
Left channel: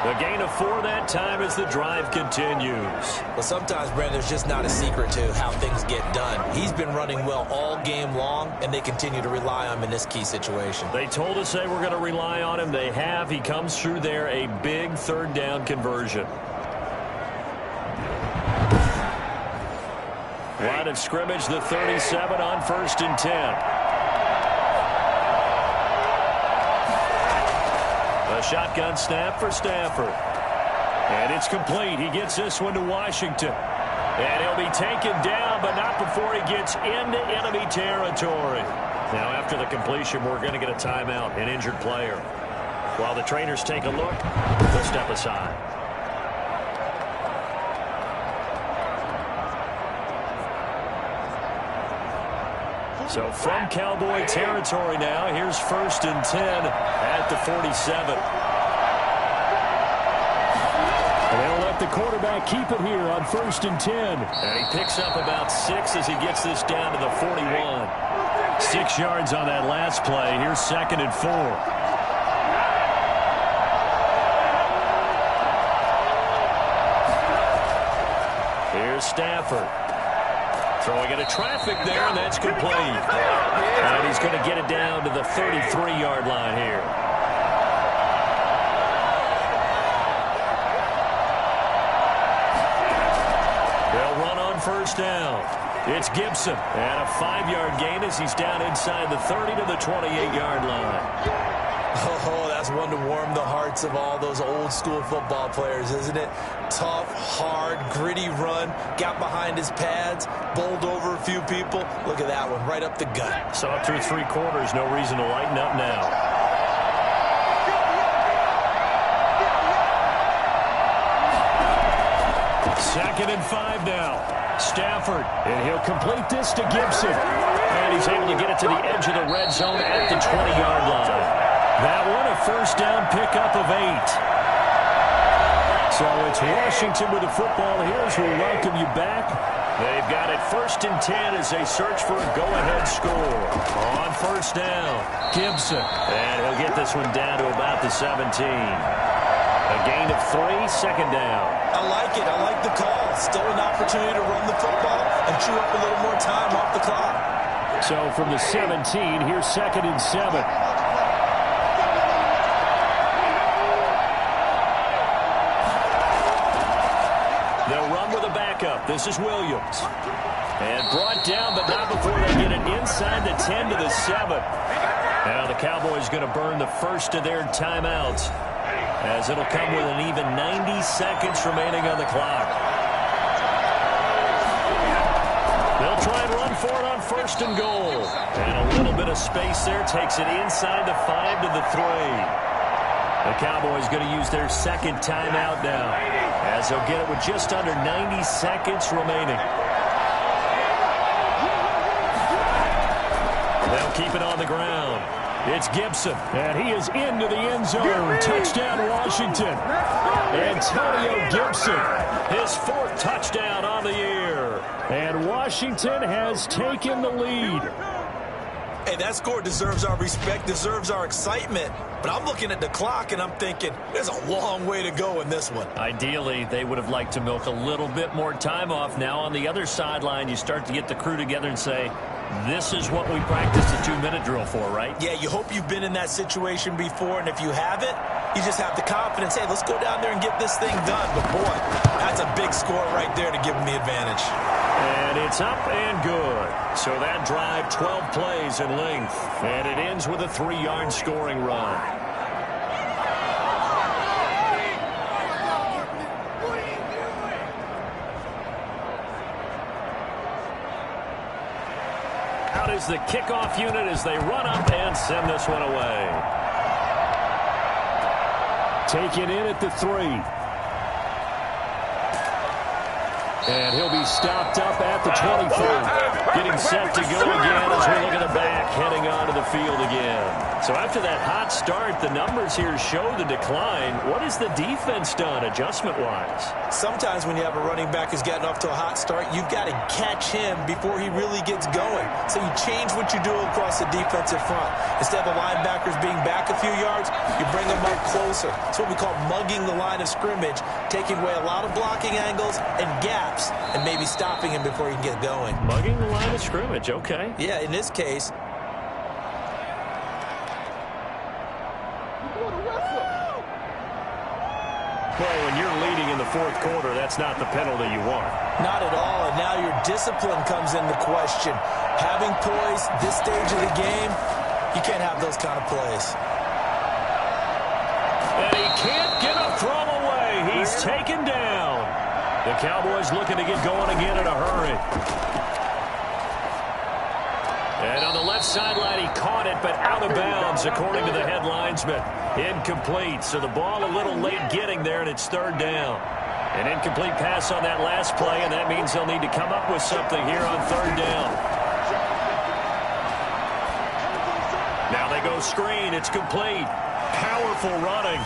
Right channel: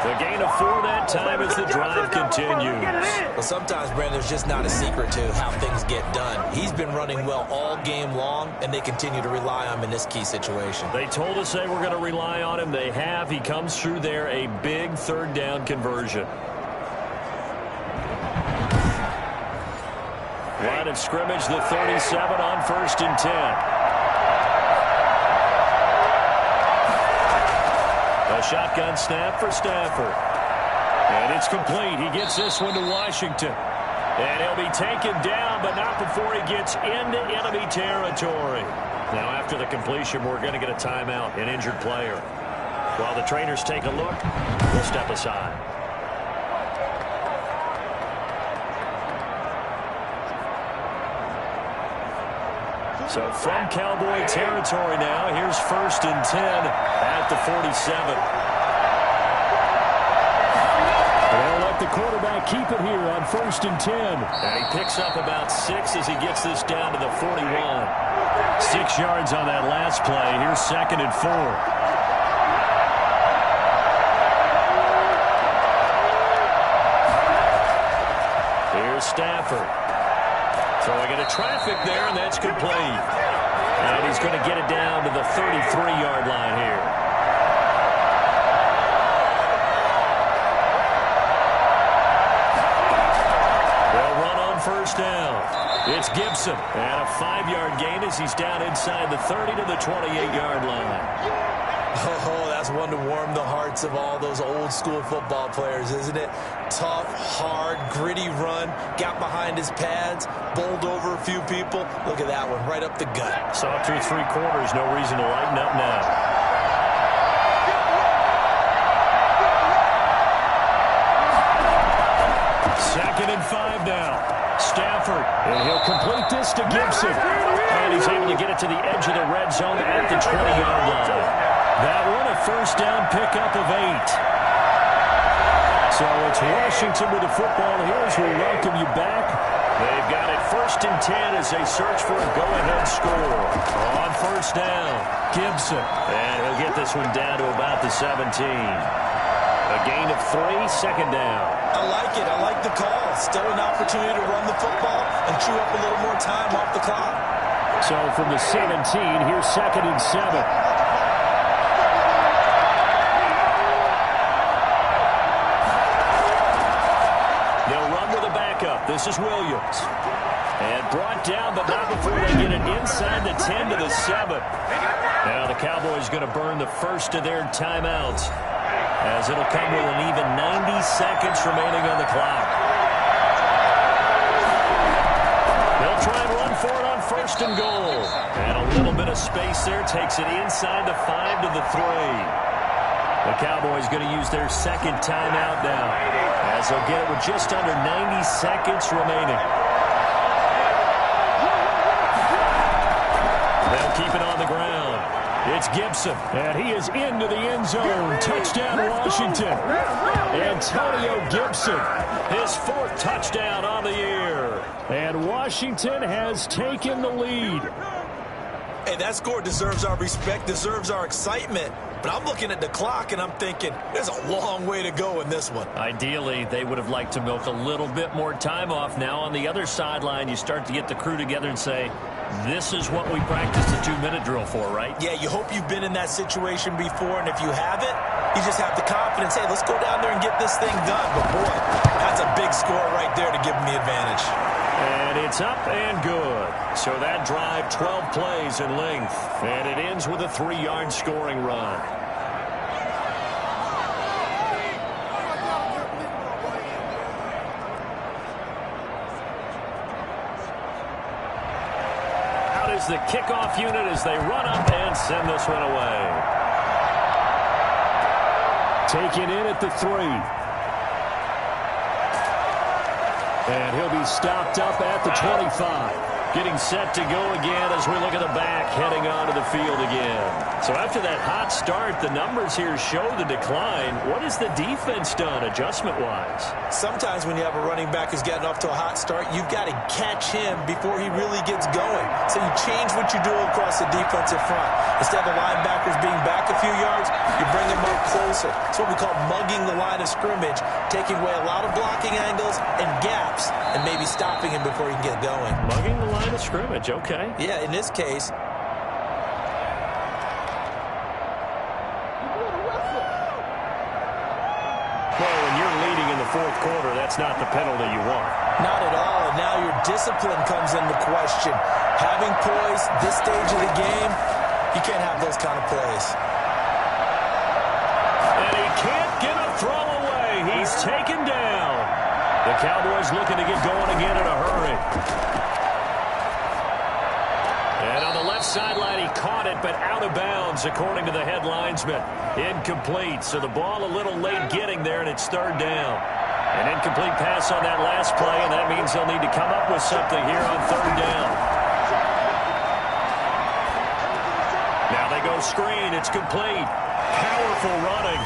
The gain of 4 that time as the drive continues. Well, sometimes, Brandon, there's just not a secret to how things get done. He's been running well all game long, and they continue to rely on him in this key situation. They told us they were going to rely on him. They have. He comes through there, a big 3rd down conversion. Line of scrimmage, the 37 on 1st and 10. A shotgun snap for Stafford. And it's complete. He gets this one to Washington. And he'll be taken down, but not before he gets into enemy territory. Now, after the completion, we're going to get a timeout, an injured player. While the trainers take a look, we'll step aside. So from Cowboy territory now, here's 1st and 10 at the 47. And they'll let the quarterback keep it here on 1st and 10. And he picks up about 6 as he gets this down to the 41. 6 yards on that last play. Here's 2nd and 4. Here's Stafford. Throwing into traffic there, and that's complete. And he's going to get it down to the 33-yard line here. They'll run on 1st down. It's Gibson. And a 5-yard gain as he's down inside the 30 to the 28-yard line. Oh, that's one to warm the hearts of all those old-school football players, isn't it? Tough, hard, gritty run, got behind his pads, bowled over a few people. Look at that one, right up the gut. So up through 3 quarters, no reason to lighten up now. Second and 5 now. Stafford, and he'll complete this to Gibson. And he's able to get it to the edge of the red zone at the 20-yard line. That one a 1st down pickup of 8. So it's Washington with the football here as we welcome you back. They've got it 1st and 10 as they search for a go-ahead score. On 1st down, Gibson. And he'll get this one down to about the 17. A gain of 3, 2nd down. I like it. I like the call. Still an opportunity to run the football and chew up a little more time off the clock. So from the 17, here's 2nd and 7. They'll run with a backup. This is Williams. And brought down, but not before they get it inside the 10 to the 7. Now the Cowboys going to burn the first of their timeouts, as it'll come with an even 90 seconds remaining on the clock. They'll try and run for it on 1st and goal. And a little bit of space there takes it inside the 5 to the 3. The Cowboys going to use their 2nd timeout now, as they'll get it with just under 90 seconds remaining. They'll keep it on the ground. It's Gibson, and he is into the end zone. Touchdown, Washington. Antonio Gibson. His 4th touchdown on the year. And Washington has taken the lead. Hey, that score deserves our respect, deserves our excitement. But I'm looking at the clock, and I'm thinking, there's a long way to go in this one. Ideally, they would have liked to milk a little bit more time off. Now, on the other sideline, you start to get the crew together and say, this is what we practiced the 2-minute drill for, right? Yeah, you hope you've been in that situation before, and if you haven't, you just have the confidence, hey, let's go down there and get this thing done. But, boy, that's a big score right there to give them the advantage. And it's up and good. So that drive, 12 plays in length. And it ends with a 3-yard scoring run. Here's the kickoff unit as they run up and send this one away. Taken in at the 3. And he'll be stopped up at the 25. Getting set to go again as we look at the back, heading onto the field again. So after that hot start, the numbers here show the decline. What has the defense done adjustment-wise? Sometimes when you have a running back who's gotten off to a hot start, you've got to catch him before he really gets going. So you change what you do across the defensive front. Instead of the linebackers being back a few yards, you bring them up closer. It's what we call mugging the line of scrimmage, taking away a lot of blocking angles and gaps and maybe stopping him before he can get going. Mugging the line of scrimmage, okay. Yeah, in this case. Well, when you're leading in the fourth quarter, that's not the penalty you want. Not at all, and now your discipline comes into question. Having poise this stage of the game, you can't have those kind of plays. And he can't get a throw away. He's taken down. The Cowboys looking to get going again in a hurry. And on the left sideline, he caught it, but out of bounds, according to the head linesman. Incomplete, so the ball a little late getting there, and it's third down. An incomplete pass on that last play, and that means they'll need to come up with something here on third down. Now they go screen. It's complete. Powerful running.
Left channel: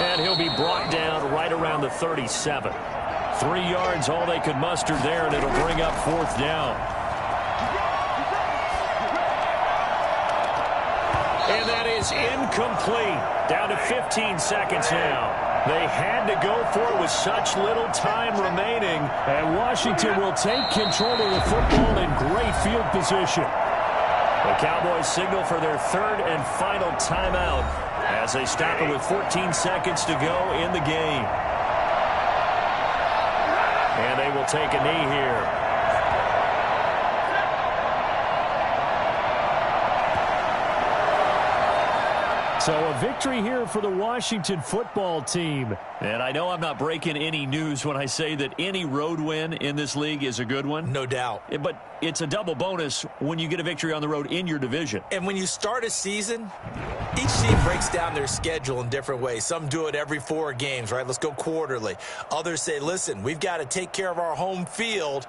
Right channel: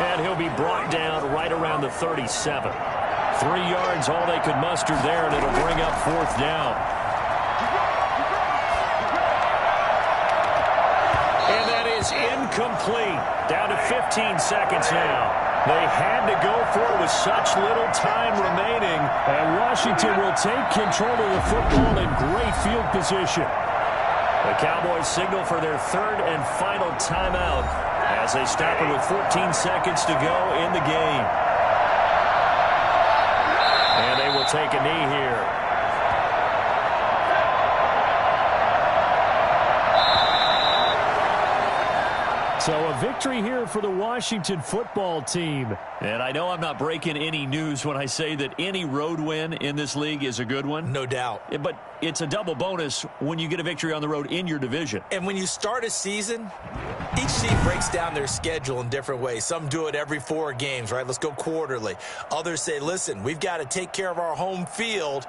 And he'll be brought down right around the 37. 3 yards, all they could muster there, and it'll bring up fourth down. And that is incomplete. Down to 15 seconds now. They had to go for it with such little time remaining. And Washington will take control of the football in great field position. The Cowboys signal for their third and final timeout as they stop it with 14 seconds to go in the game. And they will take a knee here. So a victory here for the Washington football team. And I know I'm not breaking any news when I say that any road win in this league is a good one. No doubt. But it's a double bonus when you get a victory on the road in your division. And when you start a season, each team breaks down their schedule in different ways. Some do it every 4 games, right? Let's go quarterly. Others say, listen, we've got to take care of our home field.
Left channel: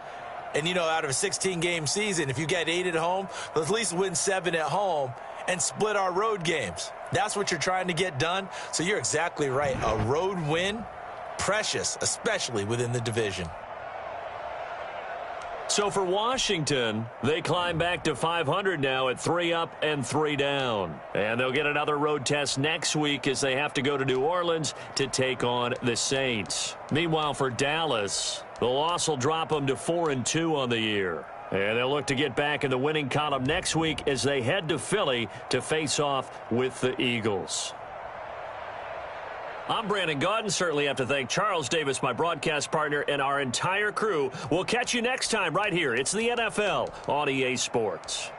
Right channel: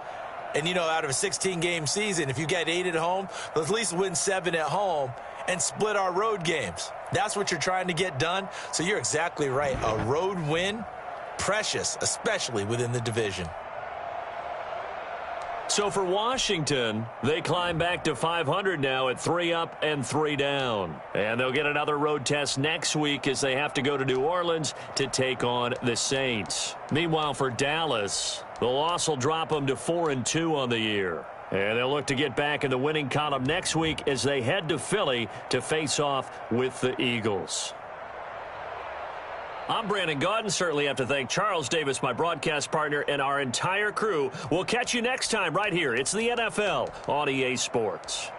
And, you know, out of a 16-game season, if you get 8 at home, let's at least win 7 at home and split our road games. That's what you're trying to get done. So you're exactly right. A road win, precious, especially within the division. So for Washington, they climb back to 500 now at 3 up and 3 down. And they'll get another road test next week as they have to go to New Orleans to take on the Saints. Meanwhile, for Dallas, the loss will drop them to 4-2 on the year. And they'll look to get back in the winning column next week as they head to Philly to face off with the Eagles. I'm Brandon Gaudin. Certainly have to thank Charles Davis, my broadcast partner, and our entire crew. We'll catch you next time right here. It's the NFL on EA Sports.